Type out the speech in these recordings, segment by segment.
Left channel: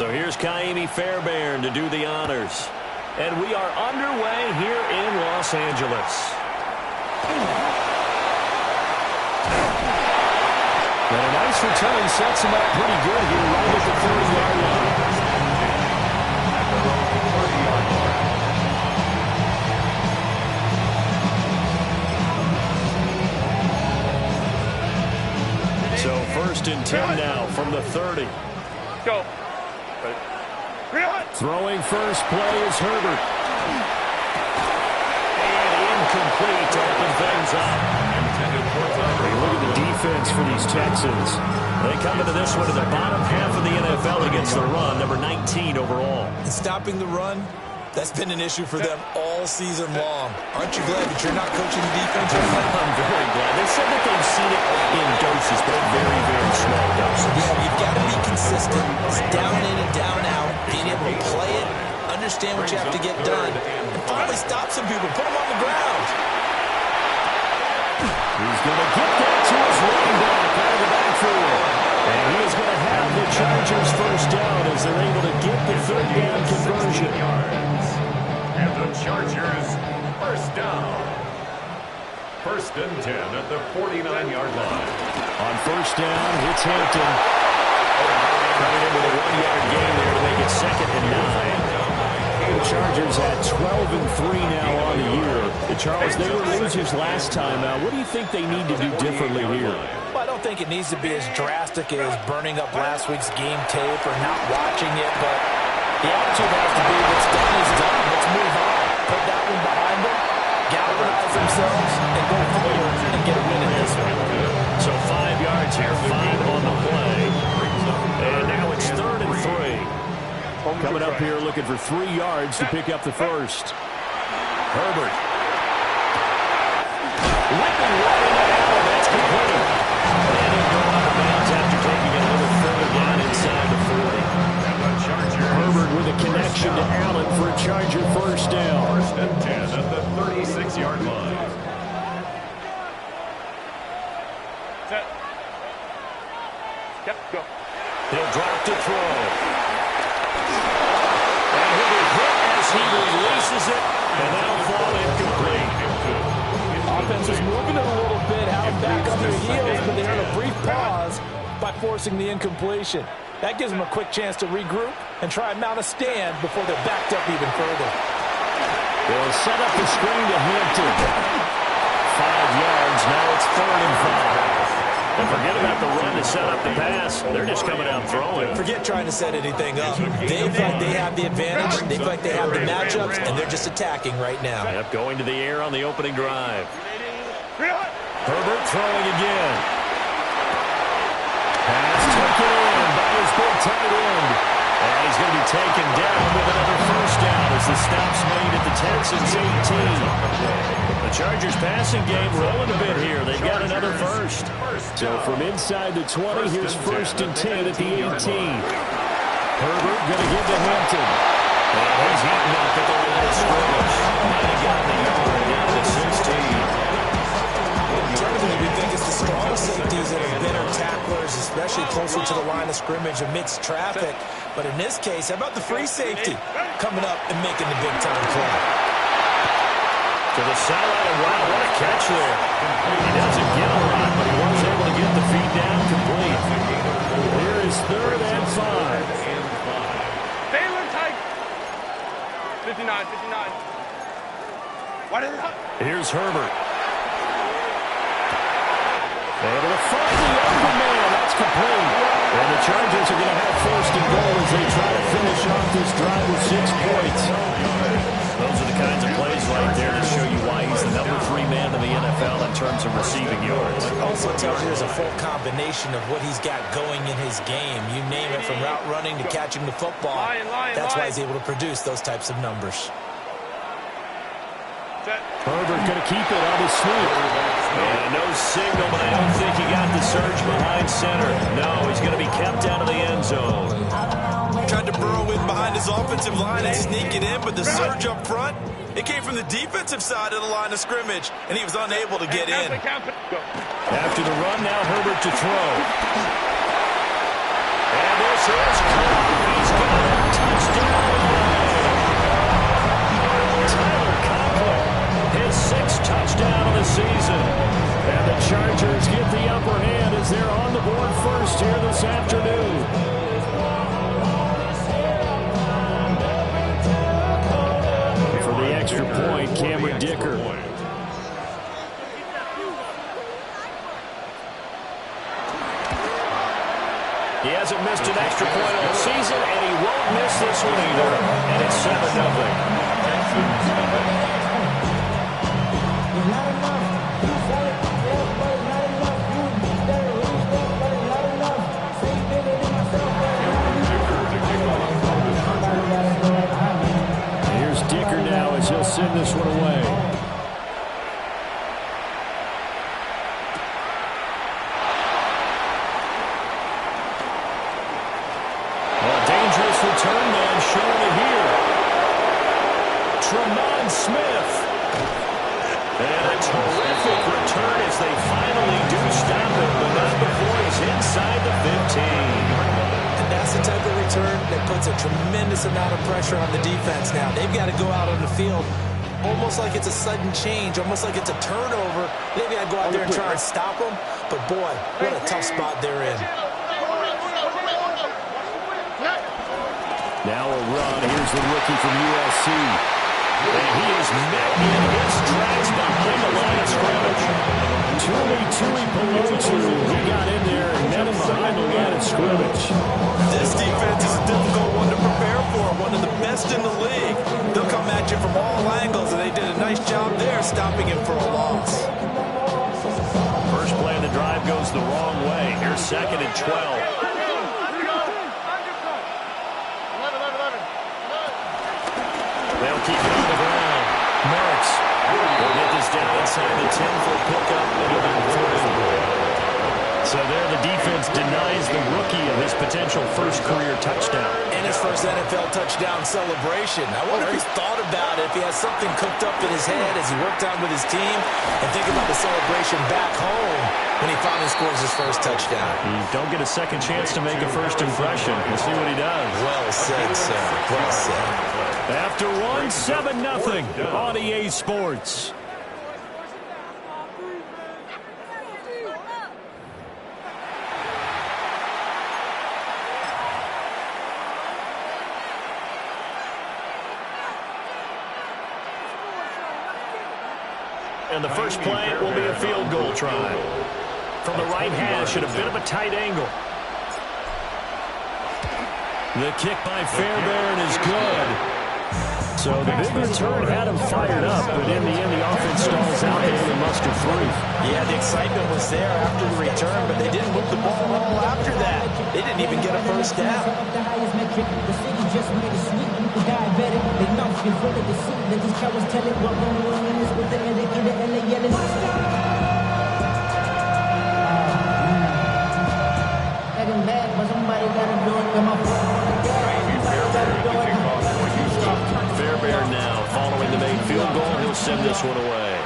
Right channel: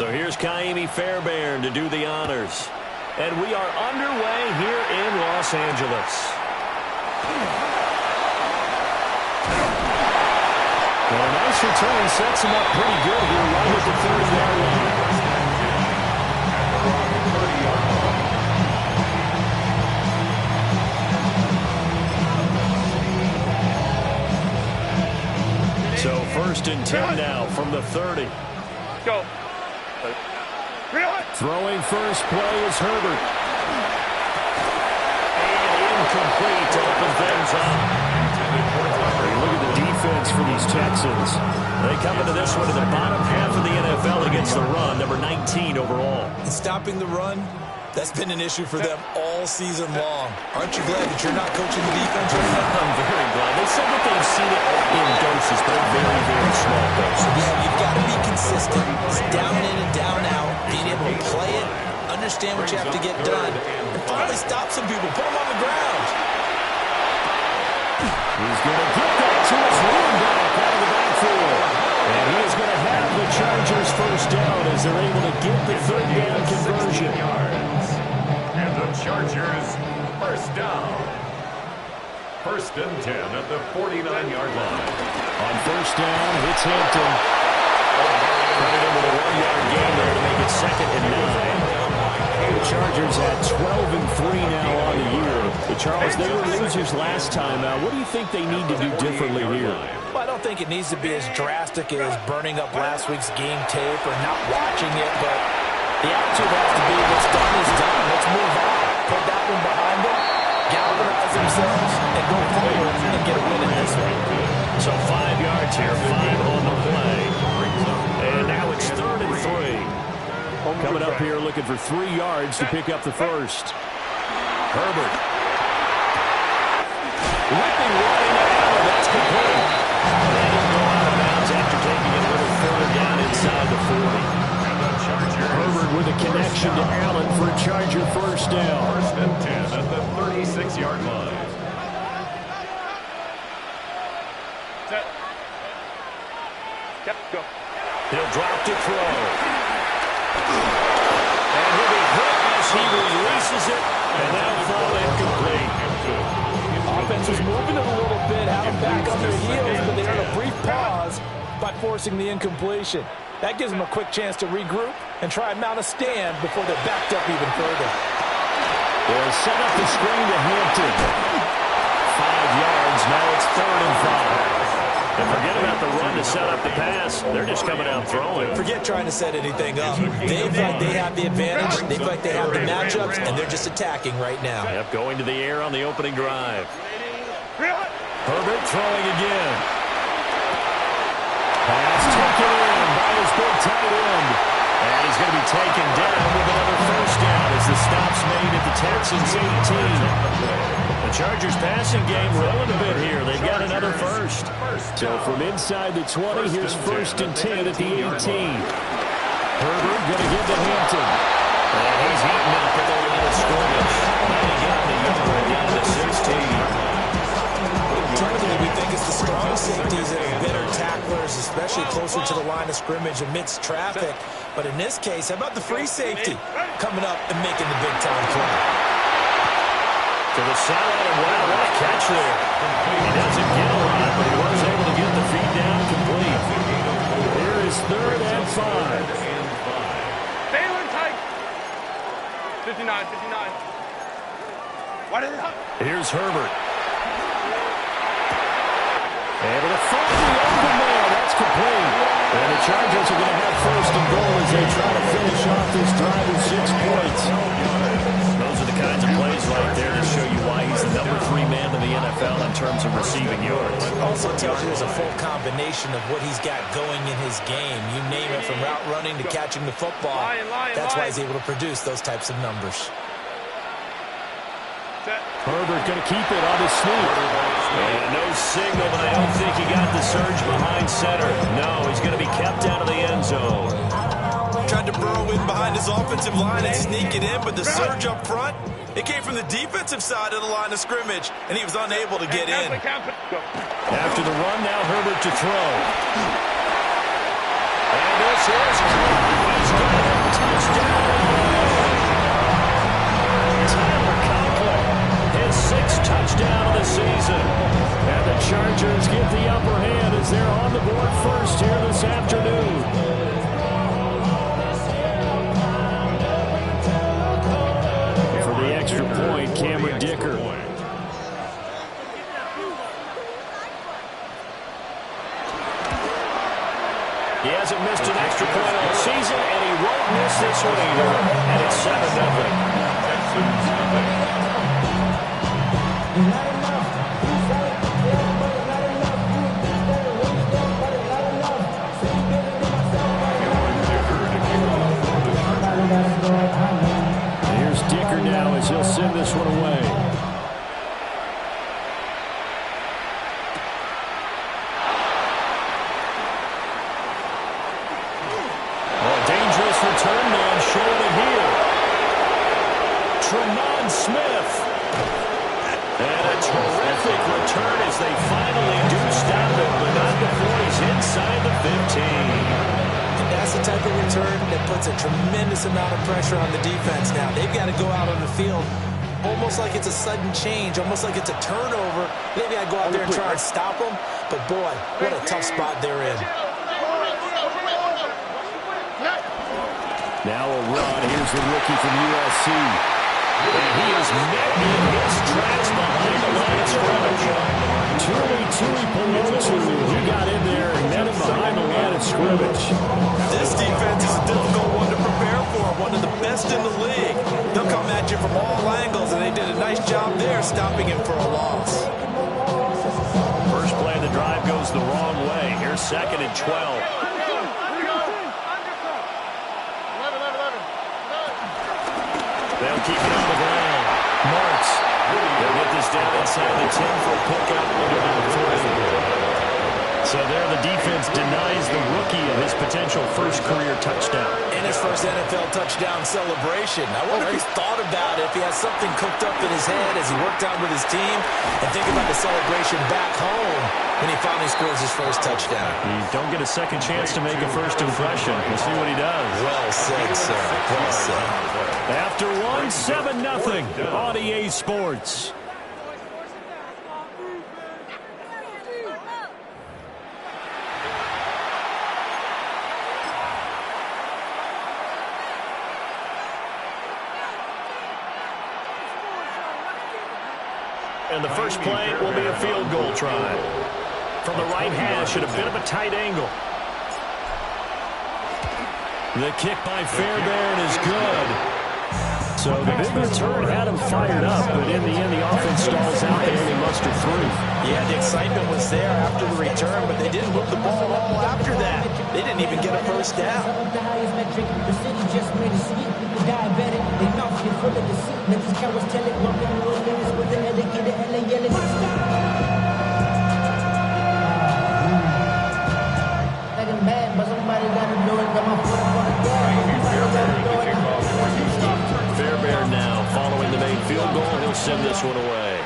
So here's Kaimi Fairbairn to do the honors. And we are underway here in Los Angeles. And a nice return sets him up pretty good here right at the 30-yard line. So 1st and 10 now from the 30. Go. Throwing first play is Herbert. And incomplete to open things up. Look at the defense for these Texans. They come into this one to the bottom half of the NFL against the run, number 19 overall. And stopping the run, that's been an issue for them all season long. Aren't you glad that you're not coaching the defense right now? I'm very glad. They said that they've seen it in doses, but very, very small doses. Yeah, you've got to be consistent. It's down in and down out. Being able to play it, understand what you have to get done, and finally stop some people, put them on the ground. He's going to get that to his running back out of the backfield. And he is going to have the Chargers first down as they're able to get the third down conversion. And the Chargers first down. 1st and 10 at the 49-yard line. On first down, it's Hampton. Running in with a 1-yard gain there to make it 2nd and 9. The Chargers at 12-3 now on the year. Charles, they were losers last time. What do you think they need to do differently here? Well, I don't think it needs to be as drastic as burning up last week's game tape or not watching it, but the attitude has to be what's done is done. Let's move on. Put that one behind them, galvanize themselves, and go forward and get a win in this one. So 5 yards here, 5 on the play. And now it's 3rd and 3. Coming up here looking for 3 yards to pick up the first. Herbert. Whipping right into Allen. That's complete. And he'll go out of bounds after taking it a little further down inside the 40. And the Chargers. Herbert with a connection to Allen for a Charger first down. 1st and 10 at the 36-yard line. Set. Yep, go. He'll drop to throw. And he'll be hit as he releases it, and that'll fall incomplete. Offense was moving it a little bit, had them back on their heels, but they earned a brief pause by forcing the incompletion. That gives them a quick chance to regroup and try and mount a stand before they're backed up even further. They'll set up the screen to Hampton. 5 yards, now it's 3rd and 5. And forget about the run to set up the pass. They're just coming out throwing. Forget trying to set anything up. They feel like they have the advantage. They feel like they have the matchups, and they're just attacking right now. Yep, going to the air on the opening drive. Herbert throwing again. Pass taken in by his big tight end. And he's going to be taken down with another first down as the stop's made at the Texans 18. The Chargers passing game rolling a bit here. They've got another first. So from inside the 20, here's 1st and 10 at the 18. Herbert going to give to Hampton. And he's eaten up at the line of scrimmage. Might have gotten a yard down to the 16. Typically, we think it's the strong safeties that are better tacklers, especially closer to the line of scrimmage amidst traffic. But in this case, how about the free safety coming up and making the big-time play? To the sideline, and wow, what a catch there. He doesn't get a lot, but he was able to get the feed down complete. Here is 3rd and 5. Baylor tight. 59, 59. Why did it hop? Here's Herbert. Able to find the open man. That's complete. And the Chargers are going to have 1st and goal as they try to finish off this drive with 6 points. Those are the kinds of plays right there to show you why he's the number 3 man in the NFL in terms of receiving yards. It also tells you there's a full combination of what he's got going in his game. You name it, from route running to catching the football. That's why he's able to produce those types of numbers. Herbert going to keep it on his sneak. And no signal, but I don't think he got the surge behind center. No, he's going to be kept out of the end zone. Tried to burrow in behind his offensive line and sneak it in, but the surge up front, it came from the defensive side of the line of scrimmage, and he was unable to get in. After the run, now Herbert to throw. And this is caught. He's got it. Touchdown. Tyler Conklin, his 6th touchdown of the season. And the Chargers get the upper hand as they're on the board first here this afternoon. For the extra point, Cameron Dicker. He hasn't missed an extra point all season, and he won't miss this one either. And it's 7-0. Texans nothing. Here's Dicker now as he'll send this one away. Dangerous return man showing it here. Tremont Smith. And a terrific return as they finally do stop him, but not before he's inside the 15. And that's the type of return that puts a tremendous amount of pressure on the defense now. They've got to go out on the field almost like it's a sudden change, almost like it's a turnover. Maybe I go out there and try and stop them, but boy, what a tough spot they're in. Now a run. Here's the rookie from USC. And he is met in his tracks behind the line of scrimmage. Tui Pelotu, he got in there and met him behind the line of scrimmage. This defense is a difficult one to prepare for, one of the best in the league. They'll come at you from all angles, and they did a nice job there stopping him for a loss. First play of the drive goes the wrong way. Here's 2nd and 12. They'll keep it on the ground. Marks. They'll get this down inside the 10 for a pickup at about 3. So there the defense denies the rookie of his potential first career touchdown. And his first NFL touchdown celebration. I wonder if he's thought about it, if he has something cooked up in his head as he worked out with his team, and think about the celebration back home when he finally scores his first touchdown. You don't get a second chance to make a first impression. We'll see what he does. Well said, sir. Well said. After 7-0 on EA Sports. And the first play will be a field goal try. From the right hash at a bit of a tight angle. The kick by Fairbairn is good. So the big return had him fired up, but in the end the offense stalls out. They only mustered 3. Yeah, the excitement was there after the return, but they didn't move the ball at all after that. They didn't even get a first down. The city just made it sweet. People diabetic. They mouth get full of deceit. Let these cowards tell it. Welcome to Orleans with the educated LA yelling. Second bad, but somebody gotta do it. Come on, Fairbairn now following the main field goal. He'll send this one away.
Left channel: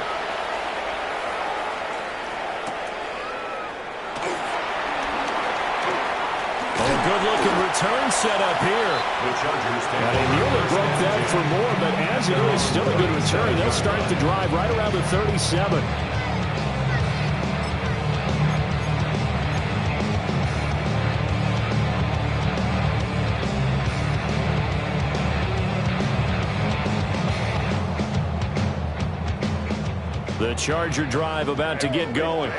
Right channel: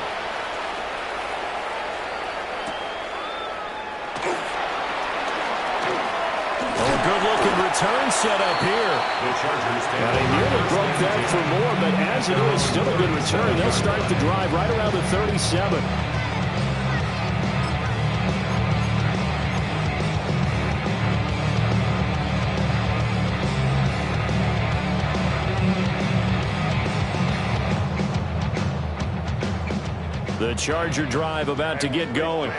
Oh, good-looking return set up here. The Chargers And they nearly broke that for more, but as it is, still a good return. They'll start the drive right around the 37. The Charger drive about to get going.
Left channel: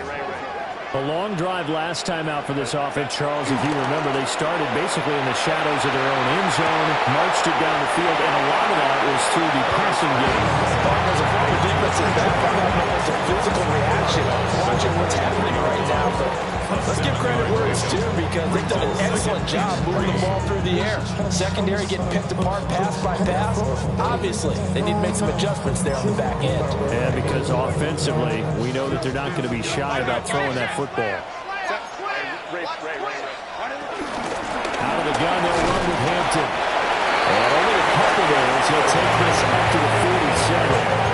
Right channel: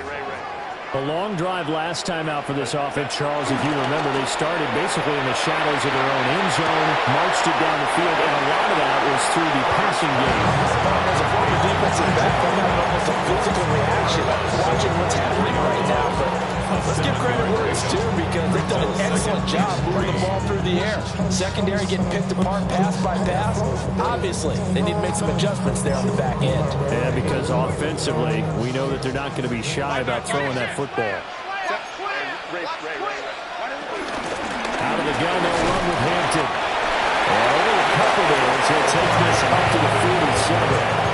A long drive last time out for this offense, Charles. If you remember, they started basically in the shadows of their own end zone, marched it down the field, and a lot of that was through the passing game. As a former defensive back, I'm having almost a physical reaction watching what's happening right now. But let's give credit where it's due because they've done an excellent job moving the ball through the air. Secondary getting picked apart pass by pass. Obviously, they need to make some adjustments there on the back end. And because offensively, we know that they're not going to be shy about throwing that football. Out of the gun, they'll run with Hampton. And only a couple there as he'll take this up to the 47.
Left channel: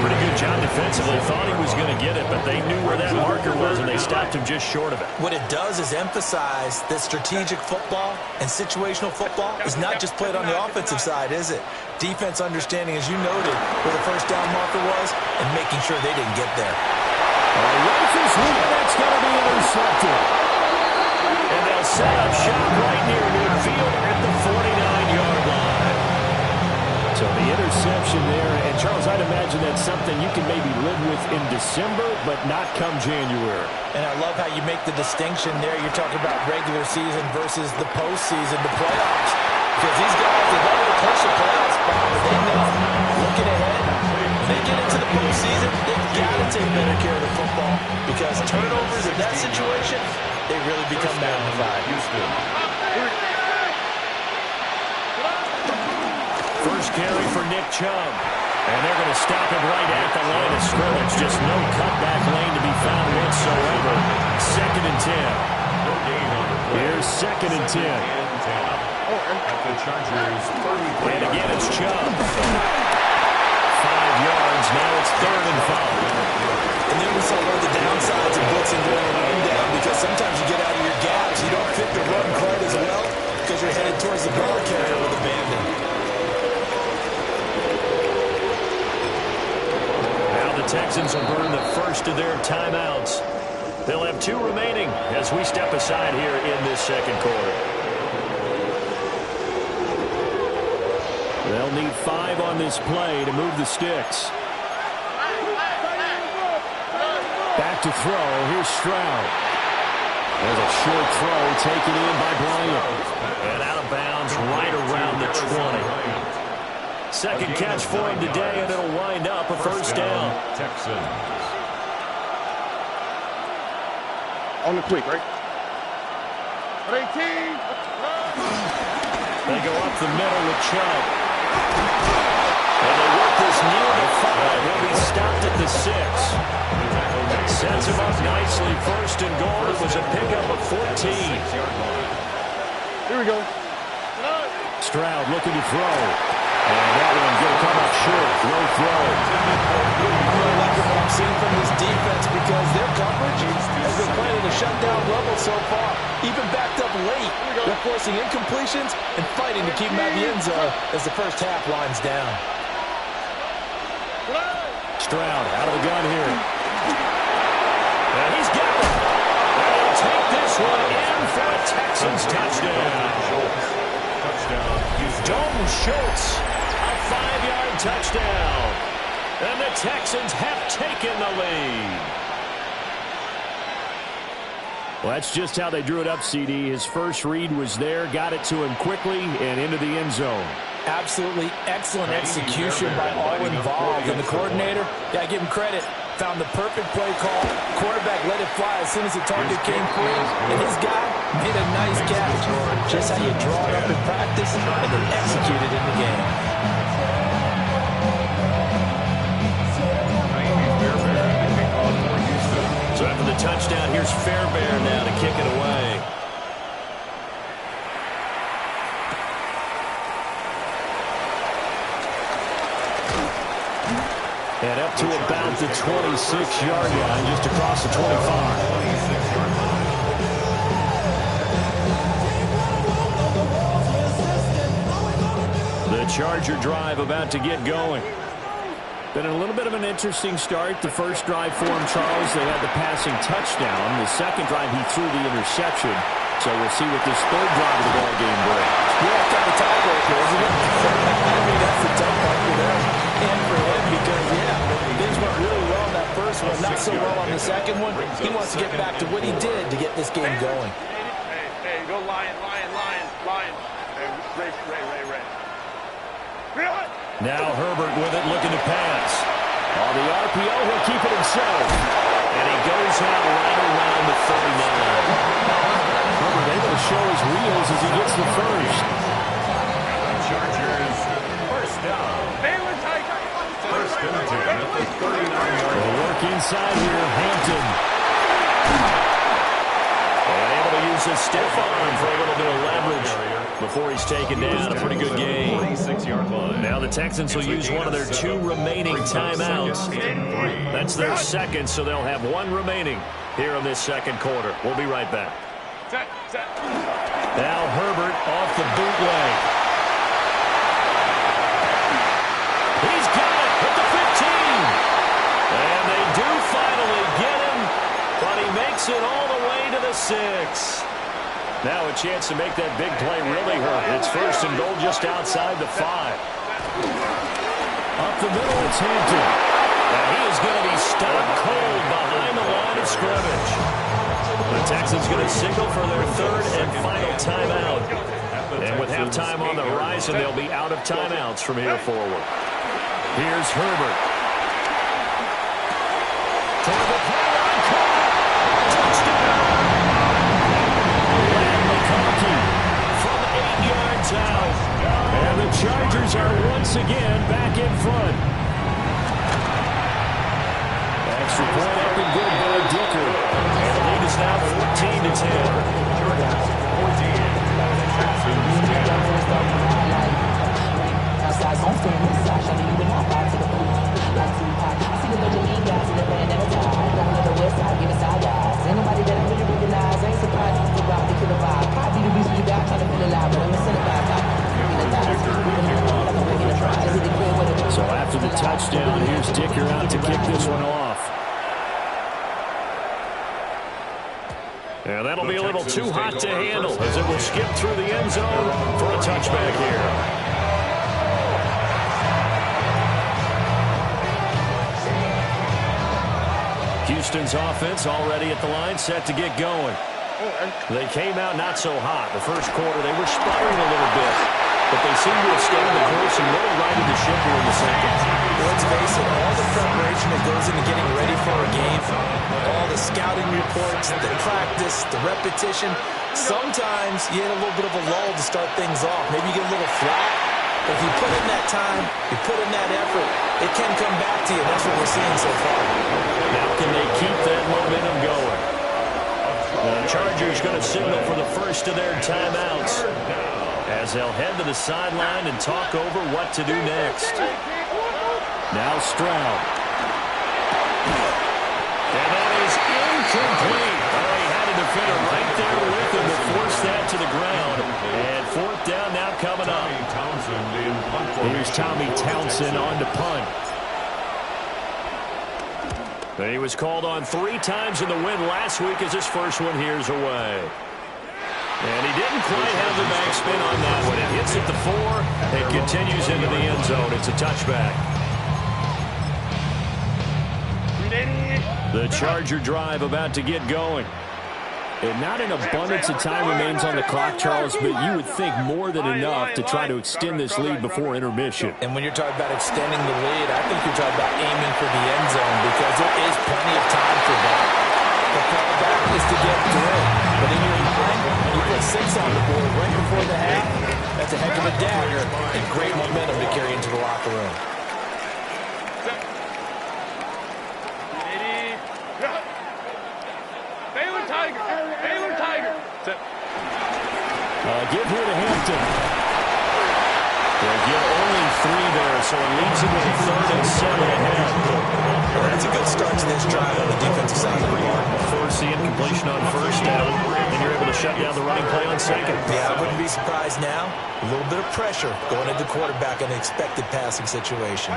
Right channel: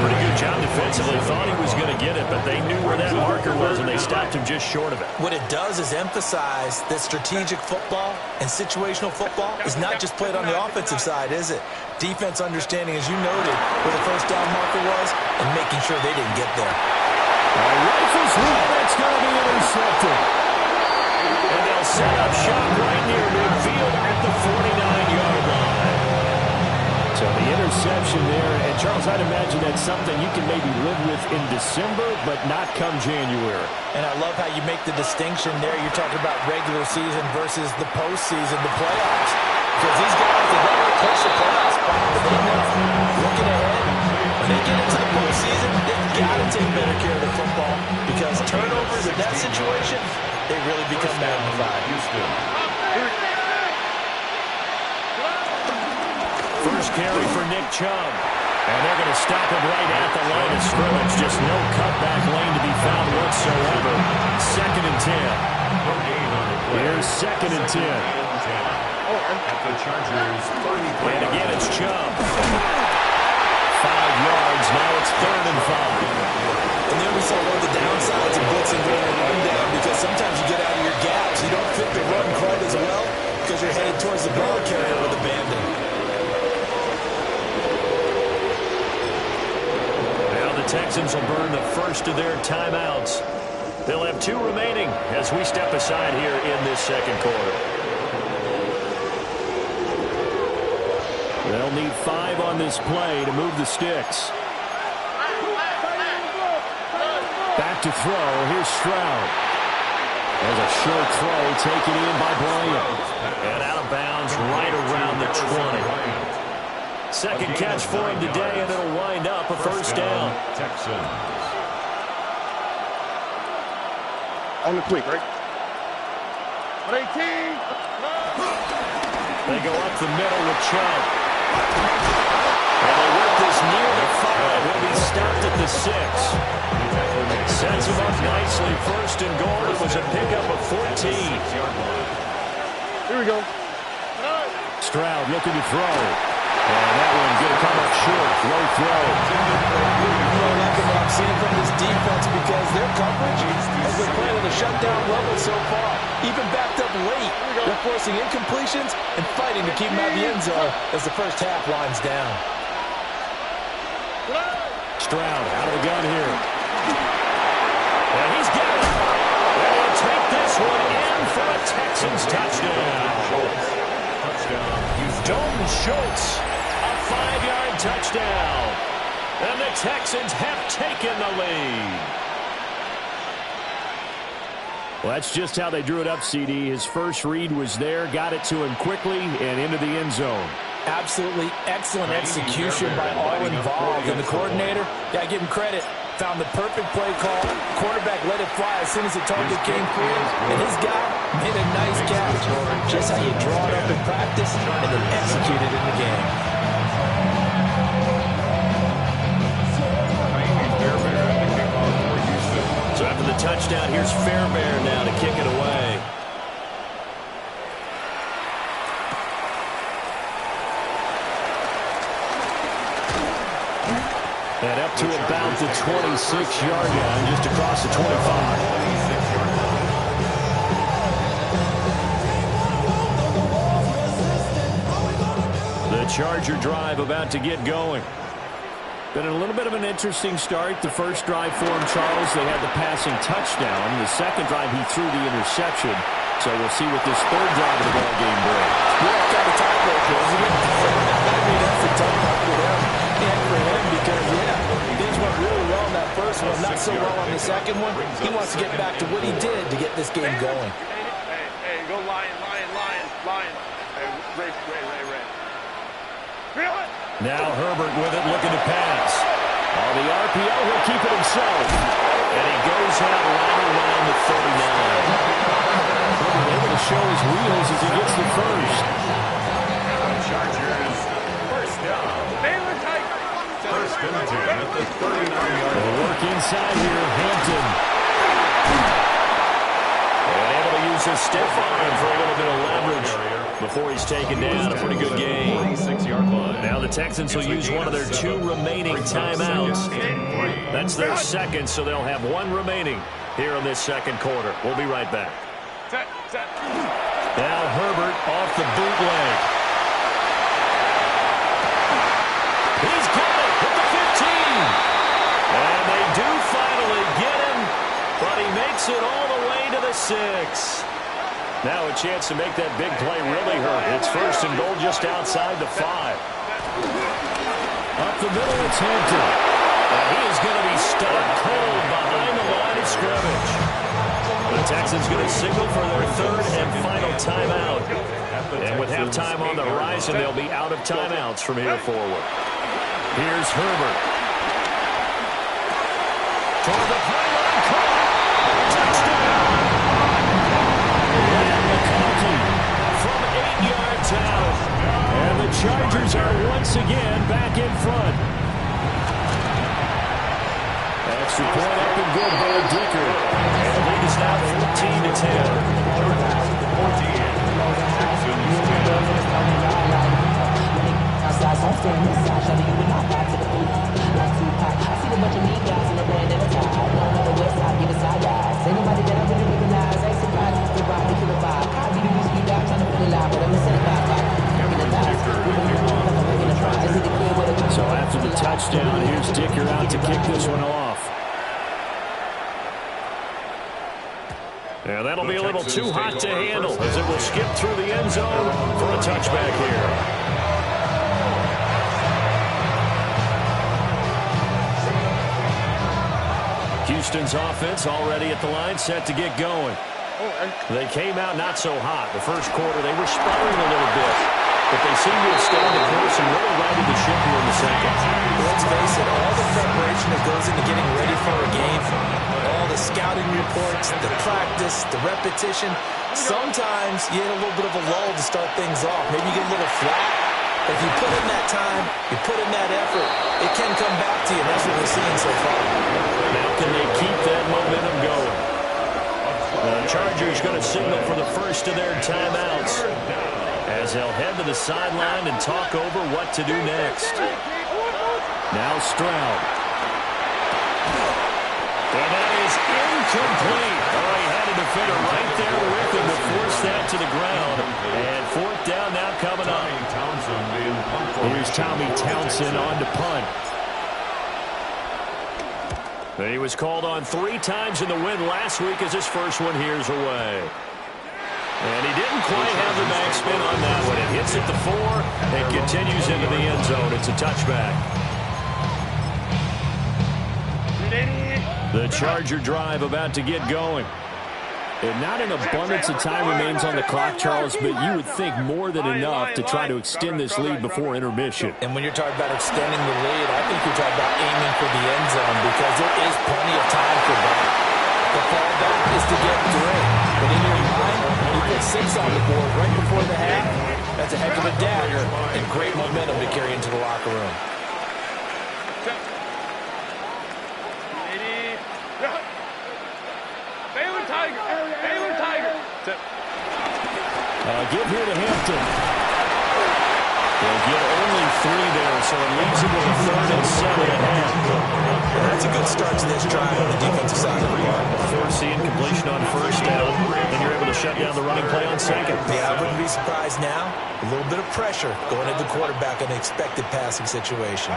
Pretty good job defensively. Thought he was going to get it, but they knew where that marker was, and they stopped him just short of it. What it does is emphasize that strategic football and situational football is not just played on the offensive side, is it? Defense understanding, as you noted, where the first down marker was and making sure they didn't get there. Rifles one, that's going to be intercepted. And they'll set up shop right near midfield at the 49-yard line. So the interception there, and Charles, I'd imagine that's something you can maybe live with in December, but not come January. And I love how you make the distinction there. You're talking about regular season versus the postseason, the playoffs. Because these guys, they love to push the playoff spot, but they know, looking ahead, when they get into the postseason, they've got to take better care of the football because turnovers in that situation, they really become magnified. First carry for Nick Chubb. And they're going to stop him right at the line of scrimmage. Just no cutback lane to be found whatsoever. 2nd and 10. No gain on the play. Here's 2nd and 10. At the Chargers, 33. And again, it's Chubb. 5 yards. Now it's 3rd and 5. And then we saw one of the downsides of blitzing during a rundown because sometimes you get out of your gaps. You don't fit the run quite as well because you're headed towards the ball carrier with abandon. The Texans will burn the first of their timeouts. They'll have 2 remaining as we step aside here in this 2nd quarter. They'll need 5 on this play to move the sticks. Back to throw. Here's Stroud. There's a short throw taken in by Bryant. And out of bounds right around the 20. Second catch for him today, and it'll wind up a first down. Texans. On the quick, right? 18. They go up the middle with Chubb. And they work this near the 5. He'll be stopped at the 6. Sets him up nicely. 1st and goal. It was a pickup of 14. Here we go. Stroud looking to throw. And that one's going to come up short. Low throw. I'm really liking what I'm seeing from this defense because their coverage has been playing at a shutdown level so far. Even backed up late, they're forcing incompletions and fighting to keep them out of the end zone as the first half winds down. Stroud out of the gun here. And he's got it. And he'll take this one in for a Texans touchdown. Dalton Schultz, a 5-yard touchdown. And the Texans have taken the lead. Well, that's just how they drew it up, CD. His first read was there, got it to him quickly, and into the end zone. Absolutely excellent execution by all involved. And the coordinator, got to give him credit, found the perfect play call. Quarterback let it fly as soon as the target came free. And his guy made a nice catch. Just how you draw it up in practice and then execute it in the game. So after the touchdown, here's Fairbairn now to kick it away. And up to about the 26-yard line, just across the 25. The Charger drive about to get going. Been a little bit of an interesting start. The first drive for him, Charles, they had the passing touchdown. The second drive, he threw the interception. So we'll see what this third drive of the ball game brings. Yeah, kind of tiebreaker, isn't it? I mean, that's the tough part for them and for him because, yeah, things went really well in that first one, not so well on the second one. He wants to get back to what he did to get this game going. Hey, go Lion. Hey, Ray. Now Herbert with it, looking to pass. On the RPO, he'll keep it himself. And he goes out right around the 39. Herbert able to show his wheels as he gets the first. Chargers, first down. First and 10 at the 39-yard line. They'll work inside here, Hampton. And able to use uses a stiff arm for a little bit of leverage before he's taken down. A pretty good game. 46-yard line. Now the Texans will use one of their 2 remaining timeouts. That's their second, so they'll have 1 remaining here in this second quarter. We'll be right back. Set. Now Herbert off the bootleg. He's got it at the 15. And they do finally get him, but he makes it all the way to the 6. Now a chance to make that big play really hurt. It's first and goal just outside the 5. Up the middle, it's Hampton. And he is going to be stopped cold behind the line of scrimmage. The Texans going to signal for their 3rd and final timeout. And with halftime on the horizon, they'll be out of timeouts from here forward. Here's Herbert. Toward the pylon, caught. Touchdown. Lamb McConkey from 8 yards out. And the Chargers are once again back in front. Extra point up and good by Dicker. And the lead is now 14-10. Chargers 14. Texans 10. Outside, gon' stand inside, shawty, you would not buy to the pool. Like Tupac, I see a bunch of mean guys in the band and a tie. Don't know the west side, give it side eyes. Ain't nobody that I really recognize. Ain't surprised to rob the killer vibe. Probably the reason you die trying to feel alive, but I'm incentivized like working the thighs. Moving on the line like I'm working the fries. Is it the clear with a So after the touchdown, here's Dicker out to kick this one off. And that'll be a little too hot to handle as it will skip through the end zone for a touchback here. Houston's offense already at the line, set to get going. They came out not so hot. The first quarter, they were sputtering a little bit, but they seem to have stayed the course and really righted the ship here in the second. Let's face it, all the preparation that goes into getting ready for a game, all the scouting reports, the practice, the repetition, sometimes you hit a little bit of a lull to start things off. Maybe you get a little flat. But if you put in that time, you put in that effort, it can come back to you, and that's what we're seeing so far. Now can they keep that momentum going? The Chargers going to signal for the first of their timeouts as they'll head to the sideline and talk over what to do next. Now Stroud. And that is incomplete. Oh, he had a defender right there with him to force that to the ground. And 4th down now coming up. Here's Tommy Townsend on to punt. He was called on 3 times in the win last week as his first one here's away. And he didn't quite have the backspin on that one. It hits at the 4 and continues into the end zone. It's a touchback. The Charger drive about to get going. And not an abundance of time remains on the clock, Charles, but you would think more than enough to try to extend this lead before intermission. And when you're talking about extending the lead, I think you're talking about aiming for the end zone because there is plenty of time for that. The fallback is to get 3. But in your mind, you put 6 on the board right before the half. That's a heck of a dagger and great momentum to carry into the locker room. Give here to Hampton. They'll get only 3 there, so it leaves him with a 3rd and 7 ahead. Well, that's a good start to this drive on the defensive side of the ball. Force the incompletion on 1st down, and you're able to shut down the running play on 2nd. Yeah, I wouldn't be surprised now. A little bit of pressure going into the quarterback in an expected passing situation.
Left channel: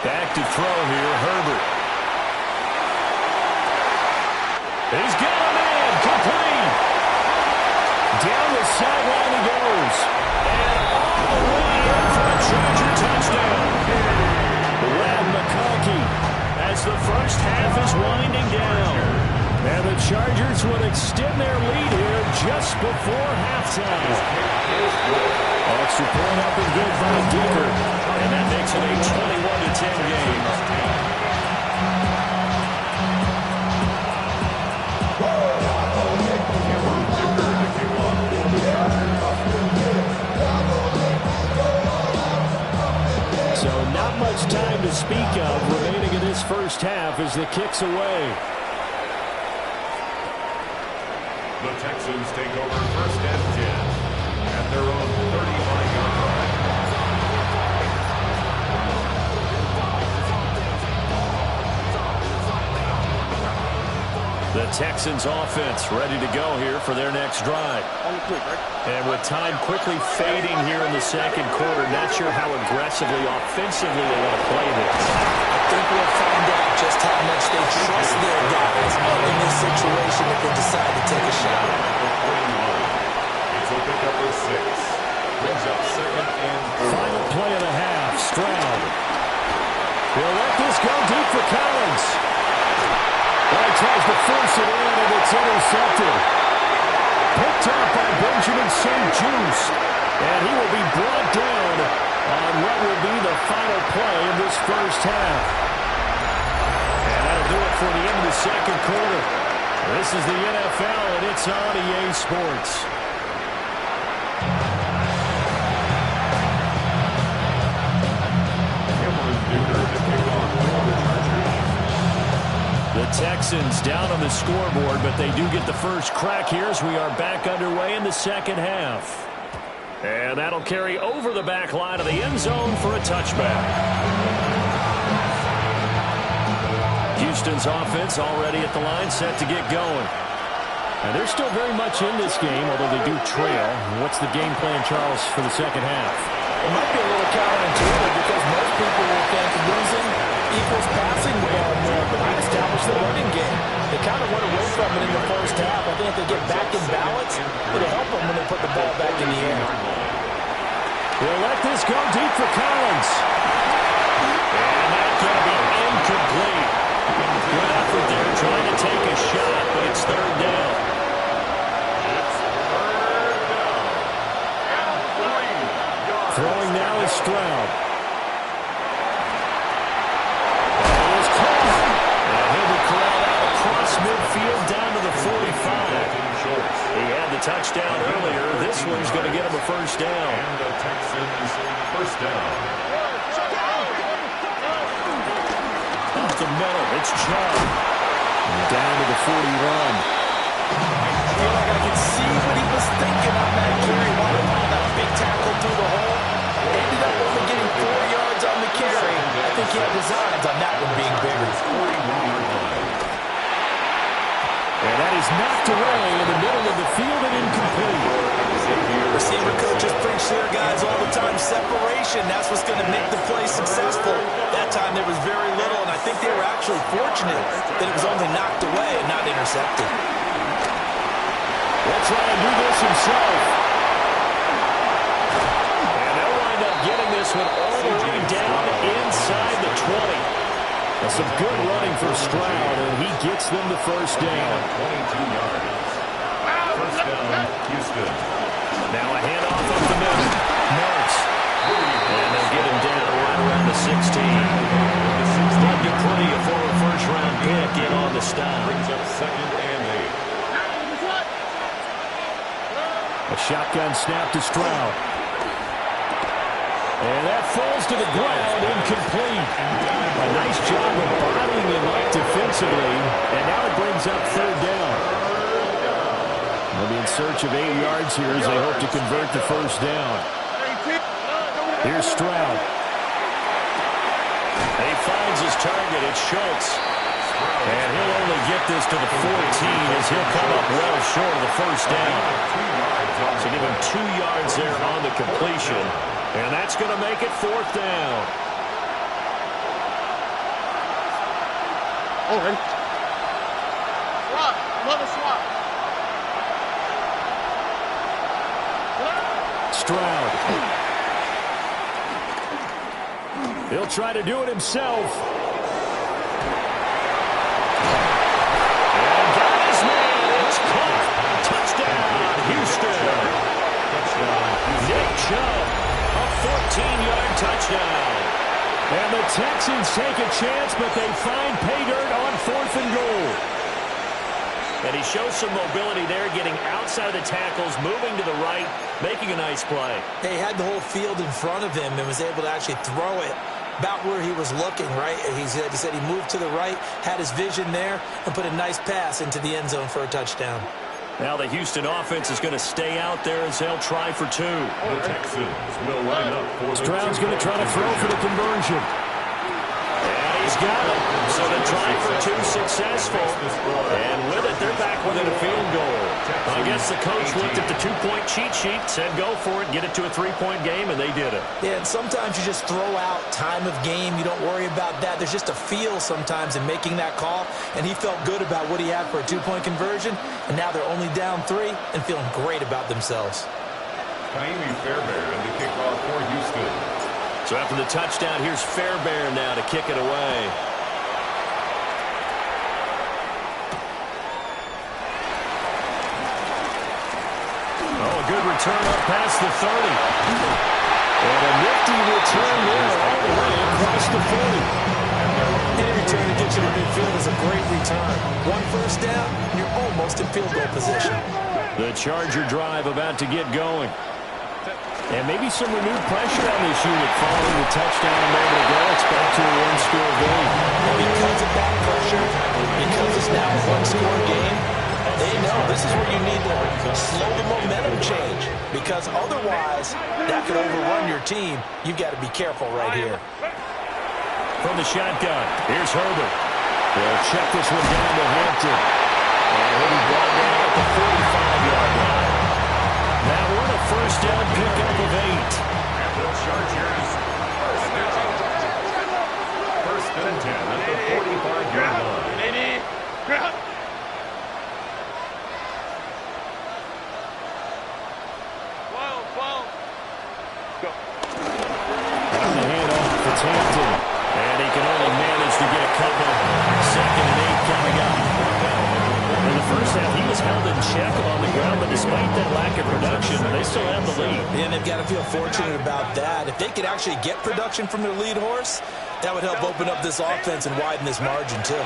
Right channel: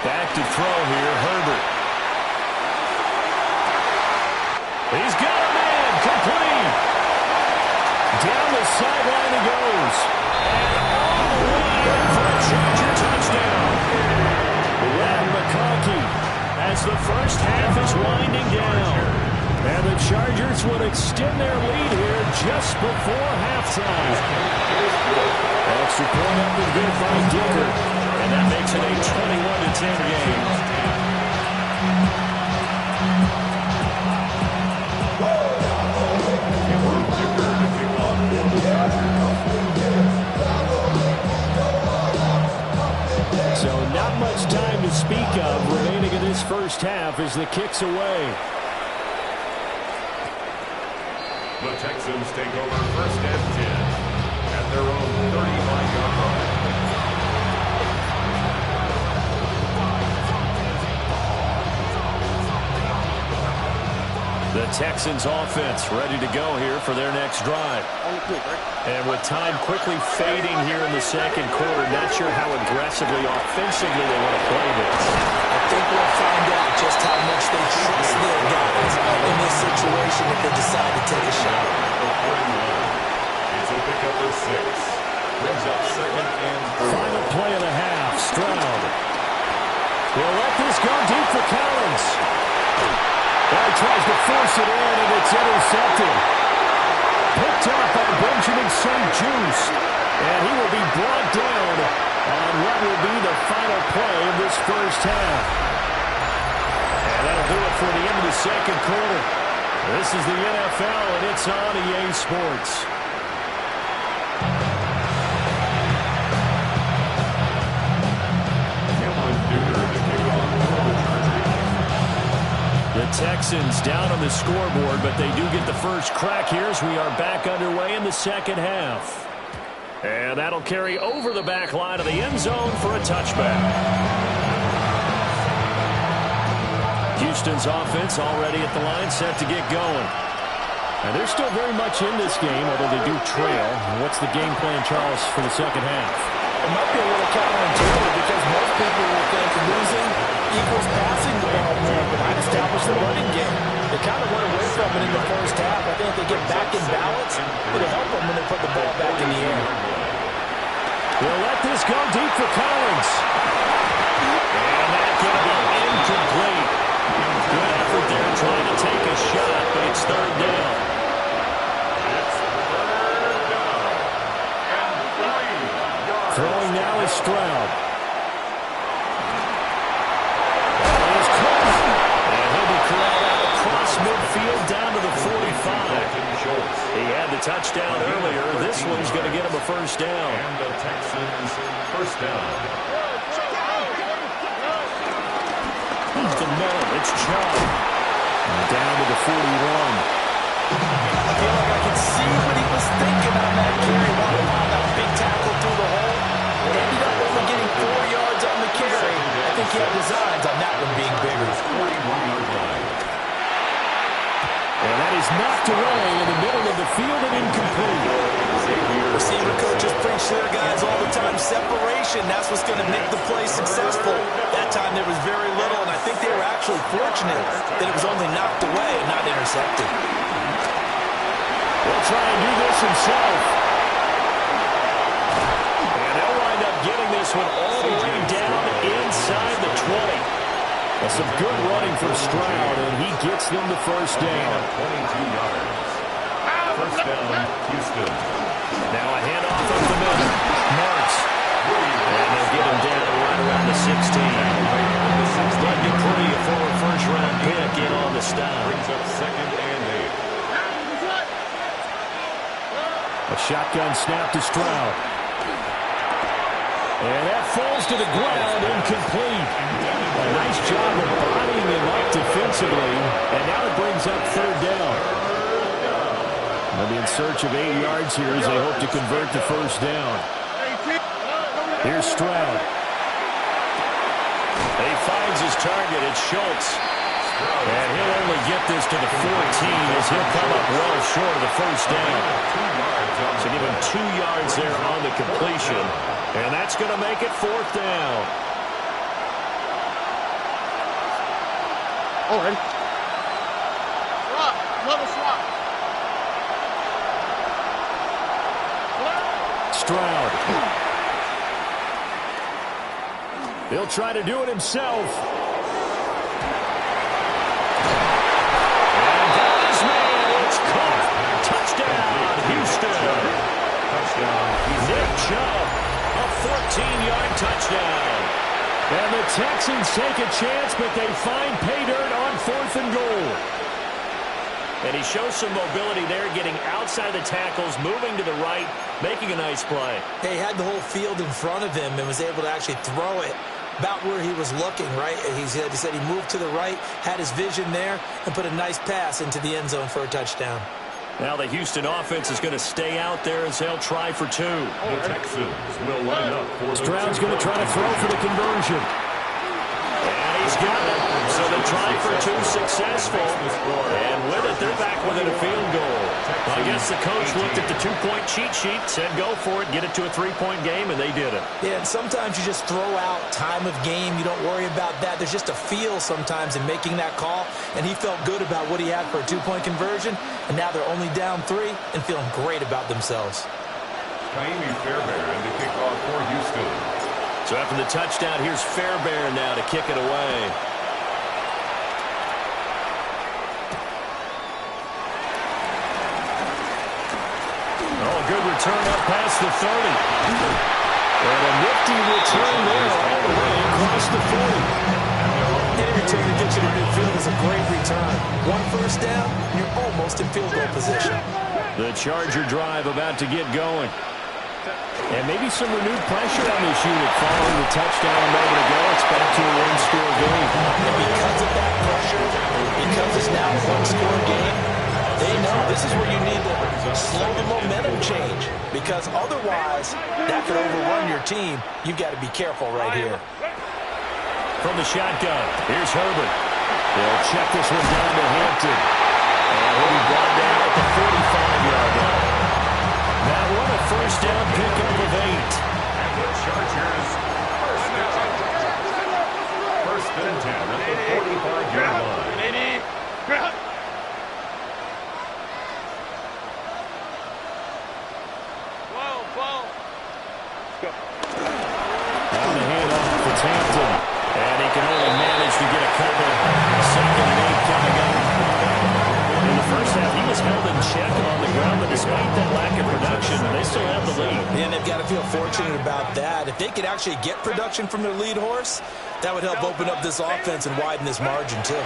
Back to throw here, Herbert. He's got a man, complete. Down the sideline he goes. And all the way in for a Charger touchdown. Lamb McConkey as the first half is winding down. And the Chargers would extend their lead here just before halftime. Extra point up and good by Dicker. And that makes it a 21-10 game. So not much time to speak of remaining in this first half as the kick's away. The Texans take over 1st and 10 at their own 35-yard line. The Texans offense ready to go here for their next drive. On the quick, right? And with time quickly fading here in the second quarter, not sure how aggressively, offensively they want to play this. I think we'll find out just how much they trust their guys in this situation if they decide to take a shot. It's a pickup of 6. Brings up 2nd and 4. Final play of the half, Stroud. He'll let this go deep for Collins. Well, he tries to force it in, and it's intercepted. Picked up by Benjamin St-Juste. And he will be brought down on what will be the final play of this first half. And that'll do it for the end of the second quarter. This is the NFL, and it's on EA Sports. The Texans down on the scoreboard, but they do get the first crack here as we are back underway in the second half. And that'll carry over the back line of the end zone for a touchback. Houston's offense already at the line, set to get going. And they're still very much in this game, although they do trail. What's the game plan, Charles, for the second half? It might be a little counterintuitive because most people will think losing equals passing the ball more, but I'd establish the running game. They kind of went away from it in the first half. I think if they get back in balance, it'll help them when they put the ball back in the air. They'll let this go deep for Collins. And that's going to be incomplete. Good effort there trying to take a shot, but it's third down. Throwing now is Stroud. And he is caught. And he'll be corralled out across midfield down to the 45. He had the touchdown earlier. This one's going to get him a first down. And the Texans first down. Up the middle, it's Chubb. And down to the 41. I feel like I can see what he was thinking on that carry. Wanted that big tackle through the hole. Ended up only getting 4 yards on the carry. I think he had designs on that one being bigger. And that is knocked away in the middle of the field and incomplete. Receiver coaches preach to their guys all the time. Separation, that's what's going to make the play successful. That time there was very little, and I think they were actually fortunate that it was only knocked away and not intercepted. He'll try and do this himself. And they'll wind up getting this one all the way down inside the 20. That's some good running for Stroud, and he gets them the first down. 22 yards. First down, Houston. Now a handoff up the middle. Marks. And they'll get him down right around the 16. Bud Dupree, a former first-round pick, in on the stop. Brings up 2nd and 8. A shotgun snap to Stroud. And that falls to the ground, incomplete. A nice job of bodying him up defensively. And now it brings up third down. They'll be in search of 8 yards here as they hope to convert the first down. Here's Stroud. He finds his target. It's Schultz. And he'll only get this to the 14 as he'll come up well short of the first down. So give him 2 yards there on the completion. And that's going to make it fourth down. All right. Swap. Another swap. Stroud. He'll try to do it himself. And got his man. It's caught. Touchdown, Houston. Touchdown, Houston. Nick Chubb, a 14-yard touchdown. And the Texans take a chance, but they find pay dirt on 4th and goal. And he shows some mobility there, getting outside of the tackles, moving to the right, making a nice play. He had the whole field in front of him and was able to actually throw it about where he was looking, right? He said he moved to the right, had his vision there, and put a nice pass into the end zone for a touchdown. Now the Houston offense is going to stay out there as they'll try for two. The Texans will line up for the Stroud's going to try to throw for the conversion. And he's got it. So the try for two successful. And with it, they're back within a field goal. I guess the coach looked at the two-point cheat sheet, said go for it, get it to a three-point game, and they did it. Yeah, and sometimes you just throw out time of game. You don't worry about that. There's just a feel sometimes in making that call, and he felt good about what he had for a two-point conversion, and now they're only down 3 and feeling great about themselves. Kaimi Fairbairn to kick off for Houston. So after the touchdown, here's Fairbairn now to kick it away. Oh, a good return up past the 30. And a nifty return there all the way across the 40. Any return to get you to midfield is a great return. 1 first down, you're almost in field goal position. The Charger drive about to get going. And maybe some renewed pressure on this unit following the touchdown a moment ago. It's back to a one-score game. And because of that pressure, because it's now a one-score game, they know this is where you need to slow the momentum change. Because otherwise, that could overrun your team. You've got to be careful right here. From the shotgun, here's Herbert. They'll check this one down to Hampton. And he'll be brought down at the 45-yard line. That one a first down pickup of 8. And the Chargers first down. First and 10 at the 45-yard line. On the handoff, it's Hampton. And he can only manage to get a couple. 2nd and 8 coming up. In the first half, he was held in check on the ground, but despite that lack of production, they still have the lead. And they've got to feel fortunate about that. If they could actually get production from their lead horse, that would help open up this offense and widen this margin, too.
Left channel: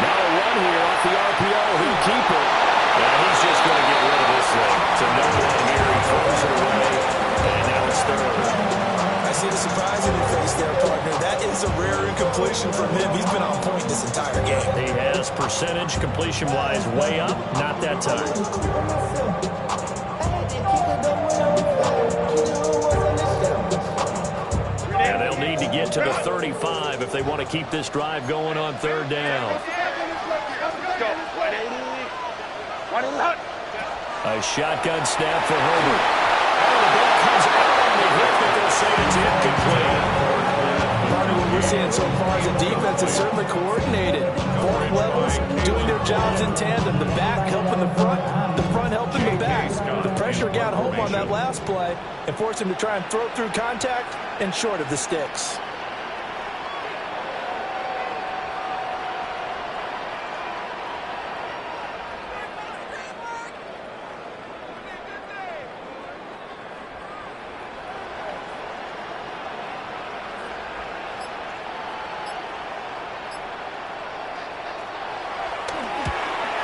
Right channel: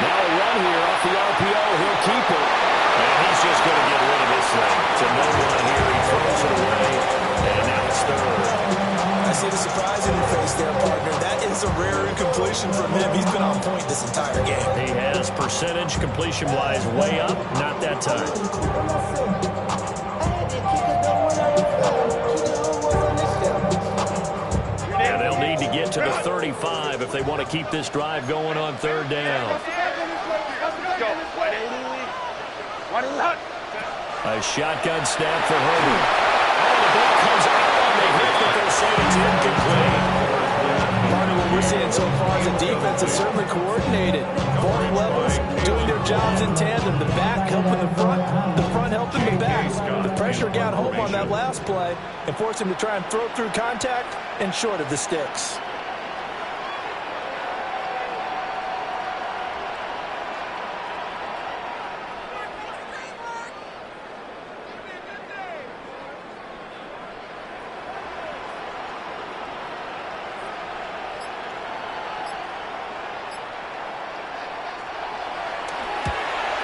Now a run here off the RPO. He'll keep it. And he's just going to get rid of this thing. To no one here. He throws it away. And now it's 3rd. I see the surprise in your face there, partner. That is a rare incompletion from him. He's been on point this entire game. He has percentage completion-wise way up. Not that time. And they'll need to get to the 35 if they want to keep this drive going on 3rd down. A shotgun snap for Herbert. Oh, the ball comes out on the hit, but they'll say it's incomplete. Part of what we're seeing so far is the defense is certainly coordinated. Both levels doing their jobs in tandem. The back helping the front helping the back. The pressure got home on that last play and forced him to try and throw through contact and short of the sticks.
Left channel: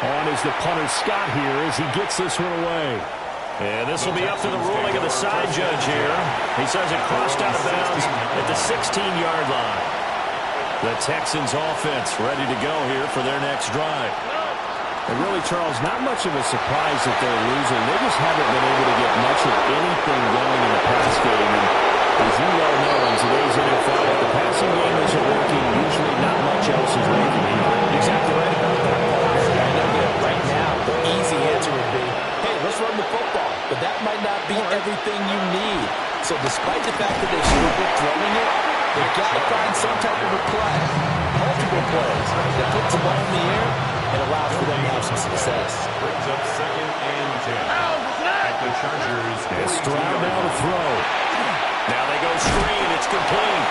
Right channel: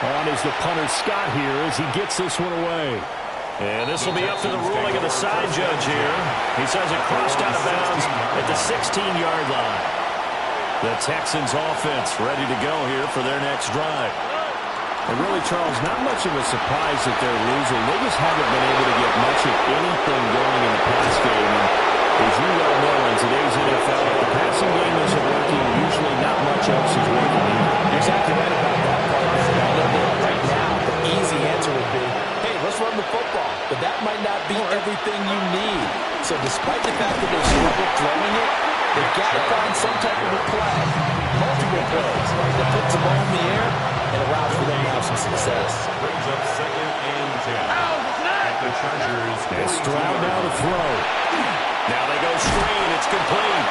On is the punter Scott here as he gets this one away. And this will be up to the ruling of the side judge here. He says it crossed out of bounds at the 16-yard line. The Texans offense ready to go here for their next drive. And really, Charles, not much of a surprise that they're losing. They just haven't been able to get much of anything going in the pass game. And as you well know, in today's NFL, if the passing game isn't working, usually not much else is working either. You're exactly right about that, partner. And I know that right now the easy answer would be, hey, let's run the football. But that might not be everything you need. So despite the fact that they struggle throwing it, they've got to find some type of a play, multiple plays, right, that puts the ball in the air and allows for them to have some success. Brings up 2nd and 10 at the Chargers. And Stroud now to throw. Now they go screen. It's complete.